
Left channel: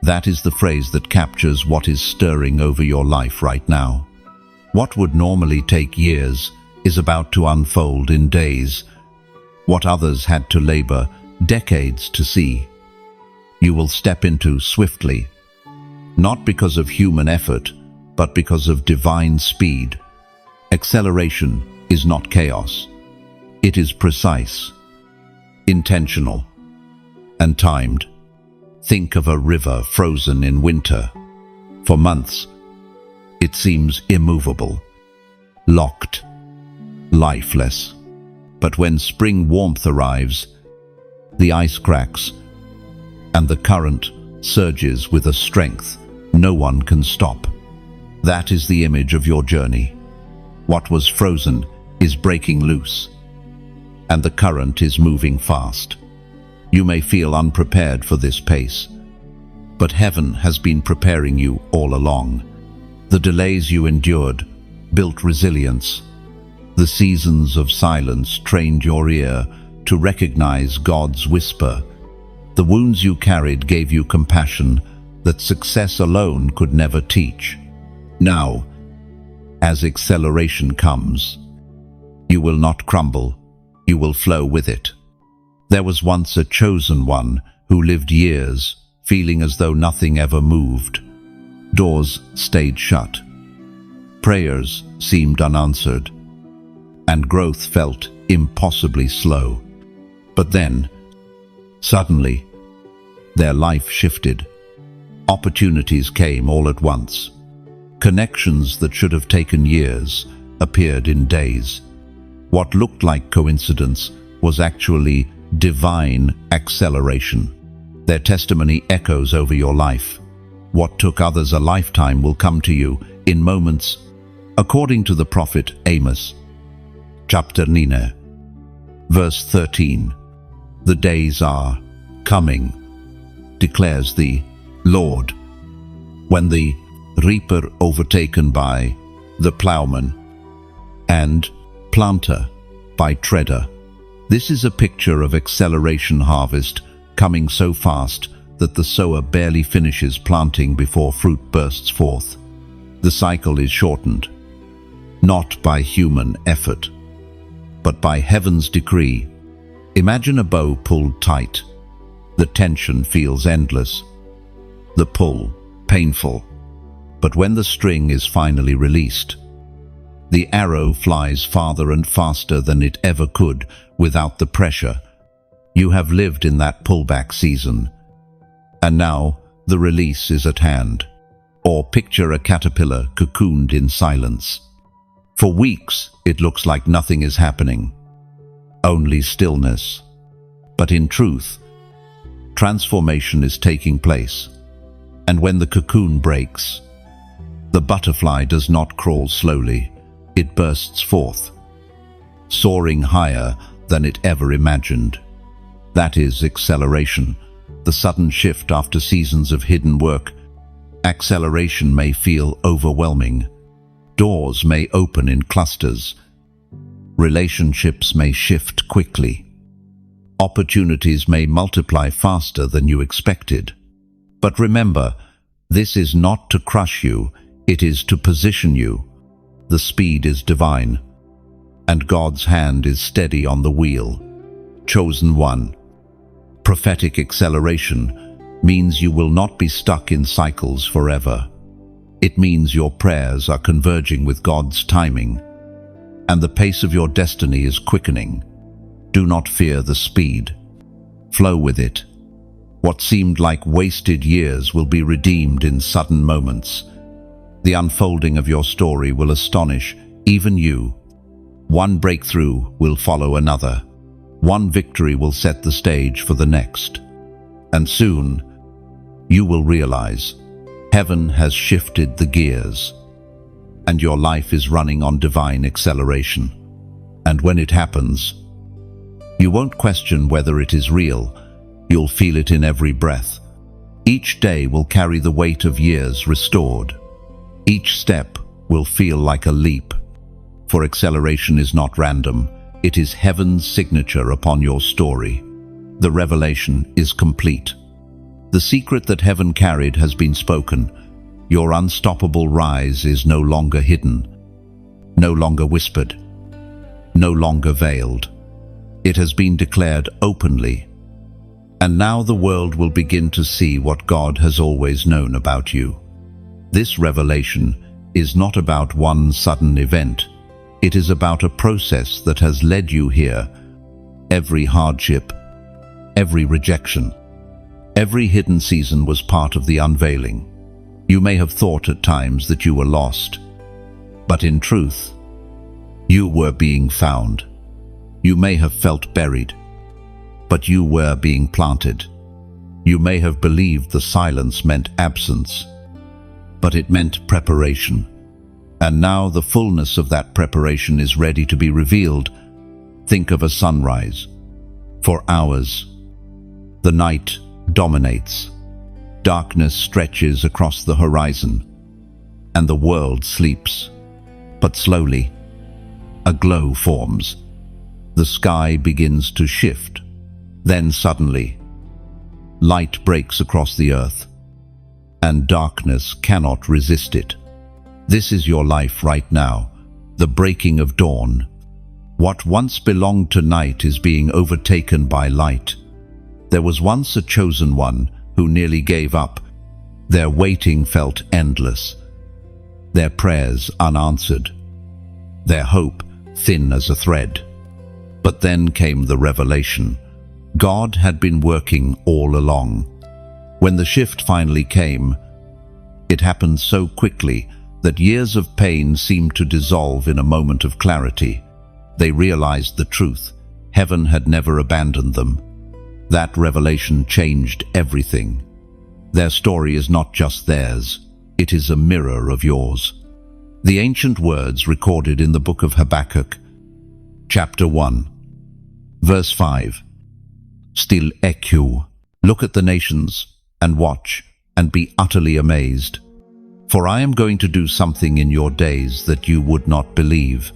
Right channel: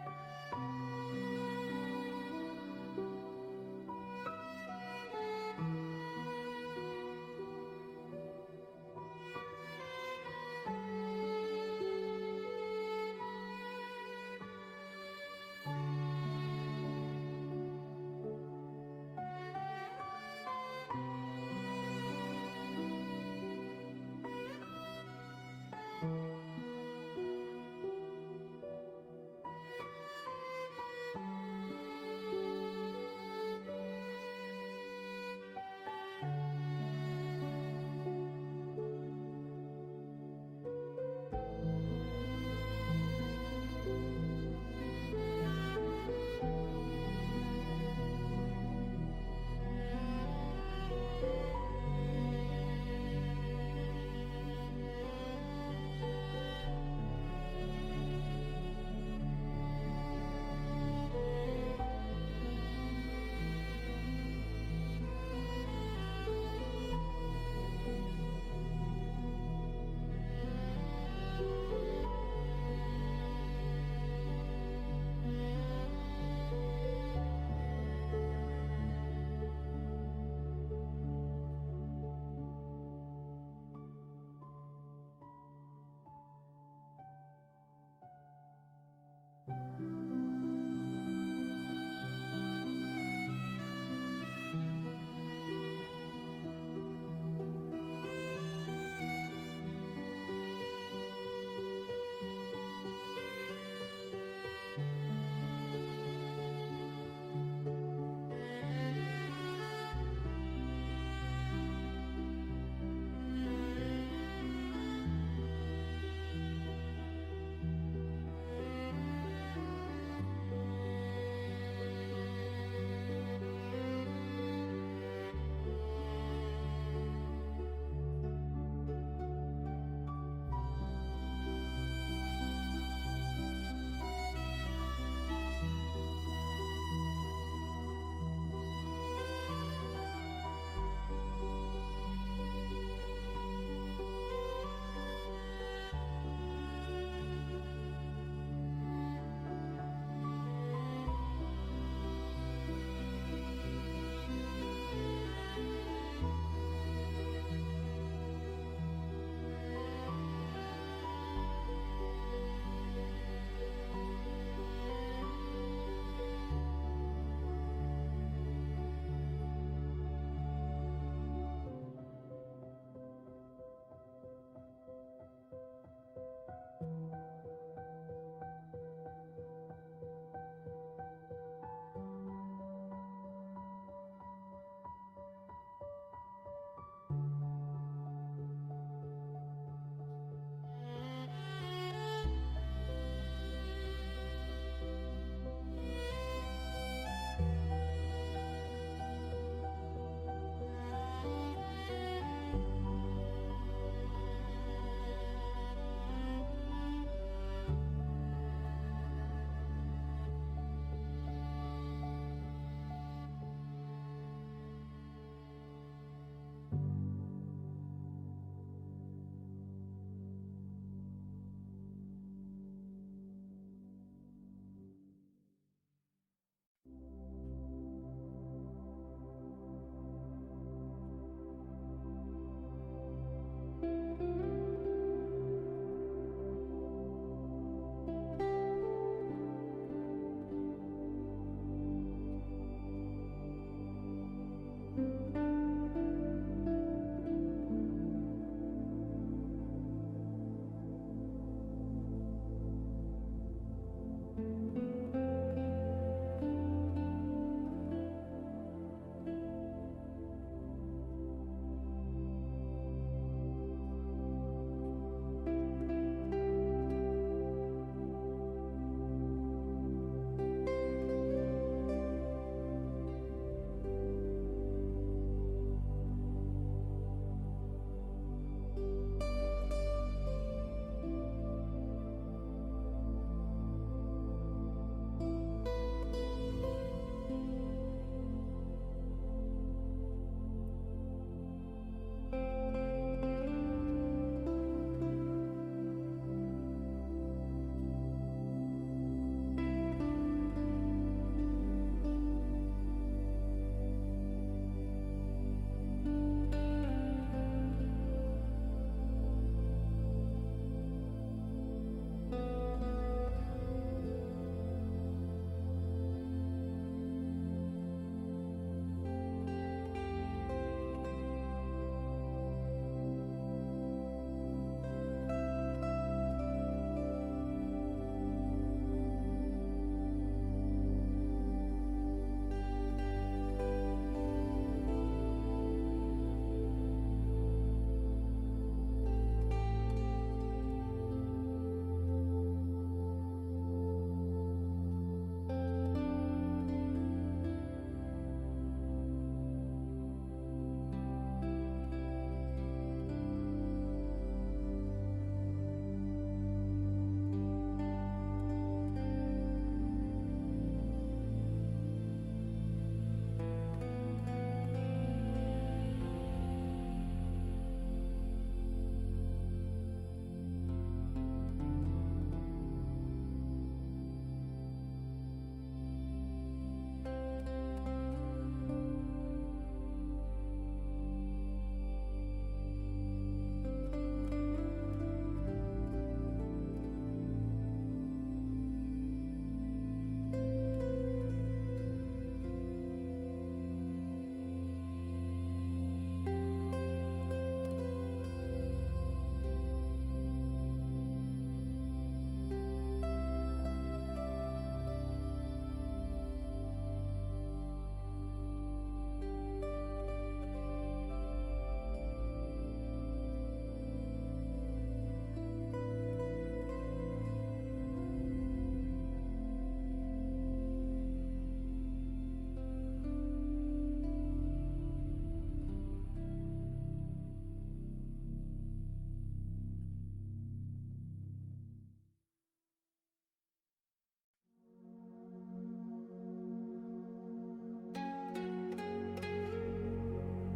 That is the phrase that captures what is stirring over your life right now. What would normally take years is about to unfold in days. What others had to labor decades to see, you will step into swiftly, not because of human effort, but because of divine speed. Acceleration is not chaos. It is precise, intentional, and timed. Think of a river frozen in winter. For months, it seems immovable, locked, lifeless. But when spring warmth arrives, the ice cracks, and the current surges with a strength no one can stop. That is the image of your journey. What was frozen is breaking loose, and the current is moving fast. You may feel unprepared for this pace, but heaven has been preparing you all along. The delays you endured built resilience. The seasons of silence trained your ear to recognize God's whisper. The wounds you carried gave you compassion that success alone could never teach. Now, as acceleration comes, you will not crumble, you will flow with it. There was once a chosen one who lived years feeling as though nothing ever moved. Doors stayed shut, prayers seemed unanswered, and growth felt impossibly slow. But then, suddenly, their life shifted. Opportunities came all at once. Connections that should have taken years appeared in days. What looked like coincidence was actually divine acceleration. Their testimony echoes over your life. What took others a lifetime will come to you in moments, according to the prophet Amos, chapter 9, verse 13. The days are coming, declares the Lord, when the reaper overtaken by the plowman and planter by treader. This is a picture of acceleration harvest coming so fast that the sower barely finishes planting before fruit bursts forth. The cycle is shortened, not by human effort, but by heaven's decree. Imagine a bow pulled tight. The tension feels endless, the pull painful. But when the string is finally released, the arrow flies farther and faster than it ever could without the pressure. You have lived in that pullback season, and now the release is at hand. Or picture a caterpillar cocooned in silence. For weeks, it looks like nothing is happening, only stillness. But in truth, transformation is taking place. And when the cocoon breaks, the butterfly does not crawl slowly, it bursts forth, soaring higher than it ever imagined. That is acceleration, the sudden shift after seasons of hidden work. Acceleration may feel overwhelming. Doors may open in clusters. Relationships may shift quickly. Opportunities may multiply faster than you expected. But remember, this is not to crush you, it is to position you. The speed is divine, and God's hand is steady on the wheel. Chosen one. Prophetic acceleration means you will not be stuck in cycles forever. It means your prayers are converging with God's timing, and the pace of your destiny is quickening. Do not fear the speed. Flow with it. What seemed like wasted years will be redeemed in sudden moments. The unfolding of your story will astonish even you. One breakthrough will follow another. One victory will set the stage for the next. And soon, you will realize heaven has shifted the gears, and your life is running on divine acceleration. And when it happens, you won't question whether it is real. You'll feel it in every breath. Each day will carry the weight of years restored. Each step will feel like a leap. For acceleration is not random. It is heaven's signature upon your story. The revelation is complete. The secret that heaven carried has been spoken. Your unstoppable rise is no longer hidden, no longer whispered, no longer veiled. It has been declared openly. And now the world will begin to see what God has always known about you. This revelation is not about one sudden event. It is about a process that has led you here. Every hardship, every rejection, every hidden season was part of the unveiling. You may have thought at times that you were lost, but in truth, you were being found. You may have felt buried, but you were being planted. You may have believed the silence meant absence, but it meant preparation. And now the fullness of that preparation is ready to be revealed. Think of a sunrise. For hours, the night dominates. Darkness stretches across the horizon, and the world sleeps. But slowly, a glow forms. The sky begins to shift. Then suddenly, light breaks across the earth, and darkness cannot resist it. This is your life right now, the breaking of dawn. What once belonged to night is being overtaken by light. There was once a chosen one who nearly gave up. Their waiting felt endless, their prayers unanswered, their hope thin as a thread. But then came the revelation. God had been working all along. When the shift finally came, it happened so quickly that years of pain seemed to dissolve in a moment of clarity. They realized the truth. Heaven had never abandoned them. That revelation changed everything. Their story is not just theirs, it is a mirror of yours. The ancient words recorded in the book of Habakkuk, chapter 1, verse 5. Still echo, look at the nations, and watch, and be utterly amazed. For I am going to do something in your days that you would not believe,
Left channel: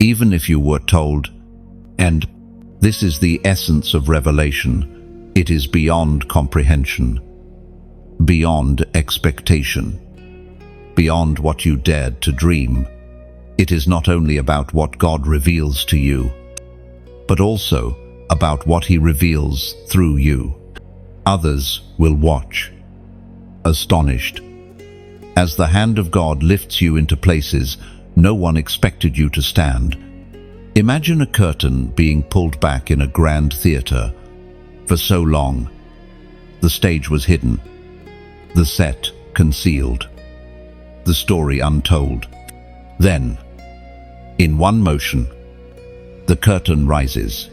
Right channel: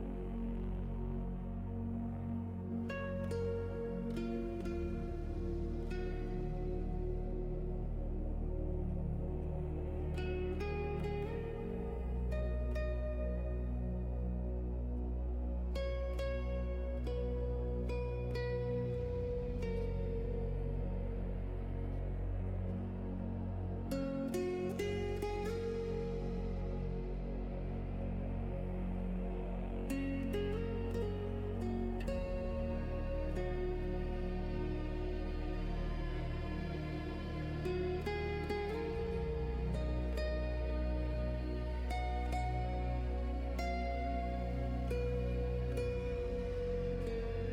even if you were told. And this is the essence of revelation. It is beyond comprehension, beyond expectation, beyond what you dared to dream. It is not only about what God reveals to you, but also about what He reveals through you. Others will watch, astonished, as the hand of God lifts you into places no one expected you to stand. Imagine a curtain being pulled back in a grand theater. For so long, the stage was hidden, the set concealed, the story untold. Then, in one motion, the curtain rises.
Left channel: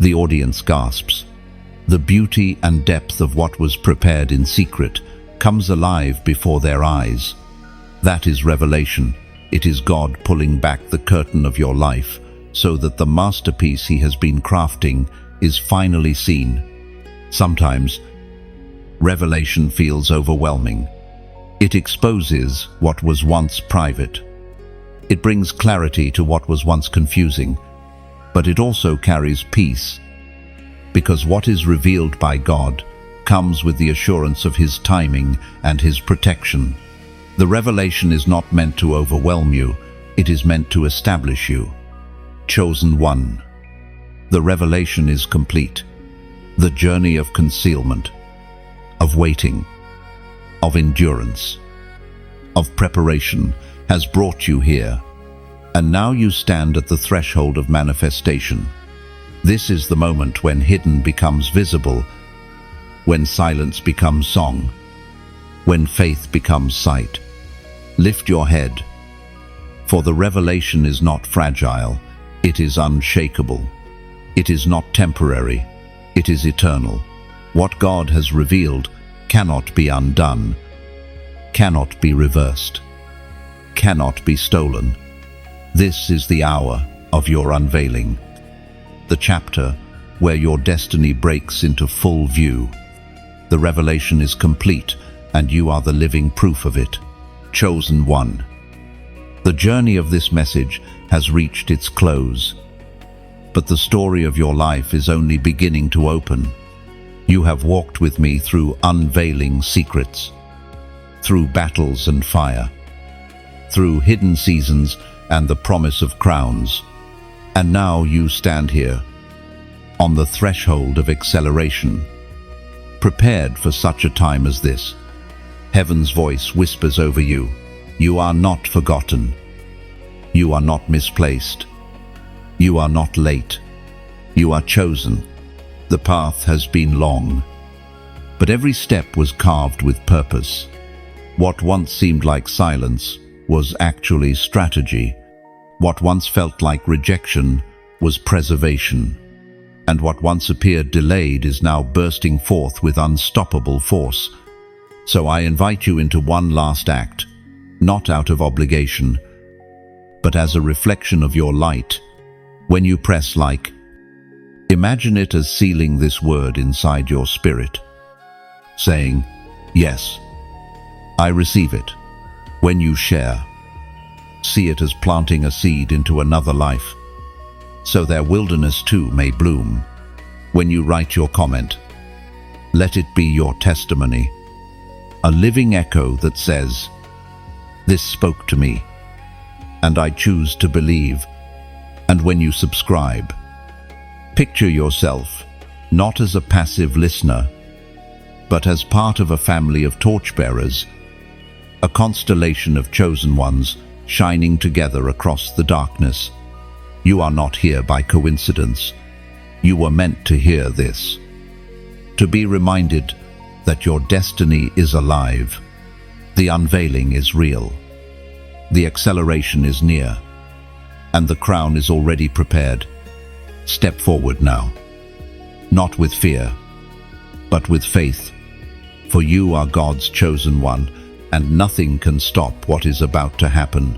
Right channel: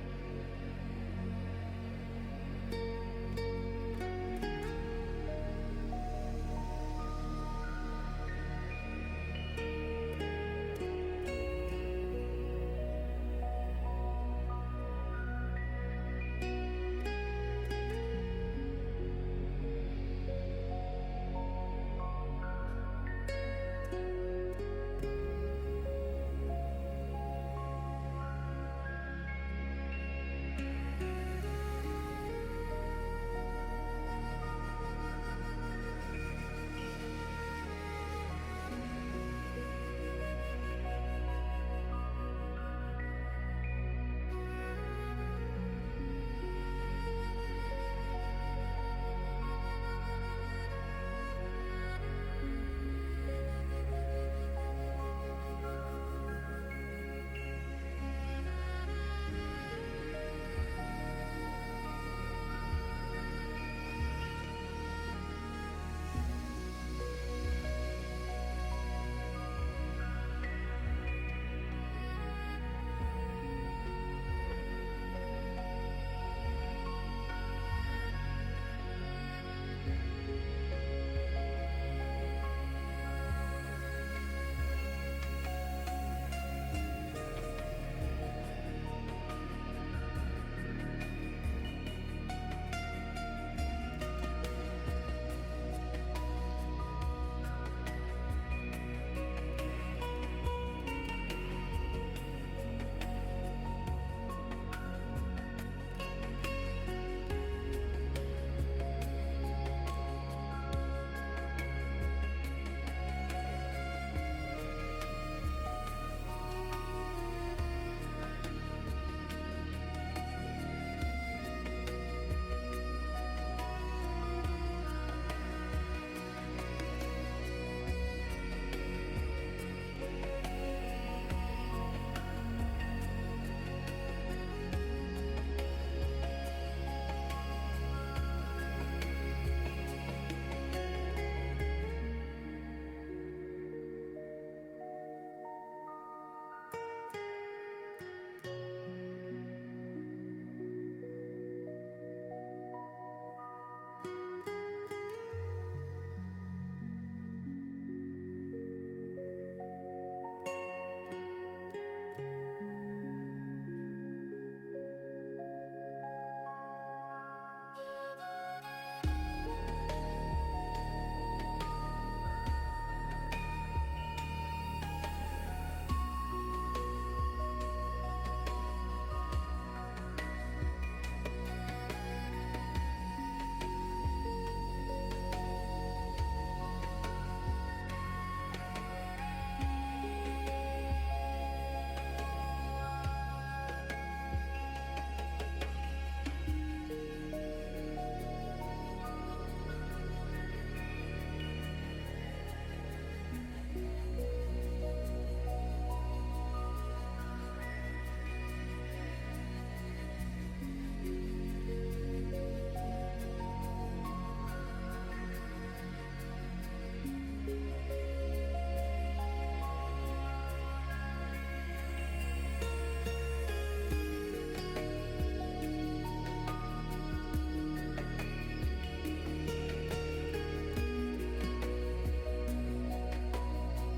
The audience gasps. The beauty and depth of what was prepared in secret comes alive before their eyes. That is revelation. It is God pulling back the curtain of your life so that the masterpiece He has been crafting is finally seen. Sometimes, revelation feels overwhelming. It exposes what was once private. It brings clarity to what was once confusing, but it also carries peace. because what is revealed by God comes with the assurance of His timing and His protection. The revelation is not meant to overwhelm you, it is meant to establish you. Chosen one. The revelation is complete. The journey of concealment, of waiting, of endurance, of preparation has brought you here, and now you stand at the threshold of manifestation. This is the moment when hidden becomes visible, when silence becomes song, when faith becomes sight. Lift your head, for the revelation is not fragile, it is unshakable. It is not temporary, it is eternal. What God has revealed cannot be undone, cannot be reversed, cannot be stolen. This is the hour of your unveiling, the chapter where your destiny breaks into full view. The revelation is complete, and you are the living proof of it. Chosen one. The journey of this message has reached its close, but the story of your life is only beginning to open. You have walked with me through unveiling secrets, through battles and fire, through hidden seasons and the promise of crowns. And now you stand here, on the threshold of acceleration, prepared for such a time as this. Heaven's voice whispers over you, you are not forgotten. You are not misplaced. You are not late. You are chosen. The path has been long, but every step was carved with purpose. What once seemed like silence was actually strategy. What once felt like rejection was preservation. And what once appeared delayed is now bursting forth with unstoppable force. So I invite you into one last act, not out of obligation, but as a reflection of your light. When you press like, imagine it as sealing this word inside your spirit, saying, yes, I receive it. When you share, see it as planting a seed into another life, so their wilderness too may bloom. When you write your comment, let it be your testimony, a living echo that says, this spoke to me, and I choose to believe. And when you subscribe, picture yourself not as a passive listener, but as part of a family of torchbearers, a constellation of chosen ones shining together across the darkness. You are not here by coincidence. You were meant to hear this, to be reminded that your destiny is alive, the unveiling is real, the acceleration is near, and the crown is already prepared. Step forward now, not with fear, but with faith, for you are God's chosen one, and nothing can stop what is about to happen.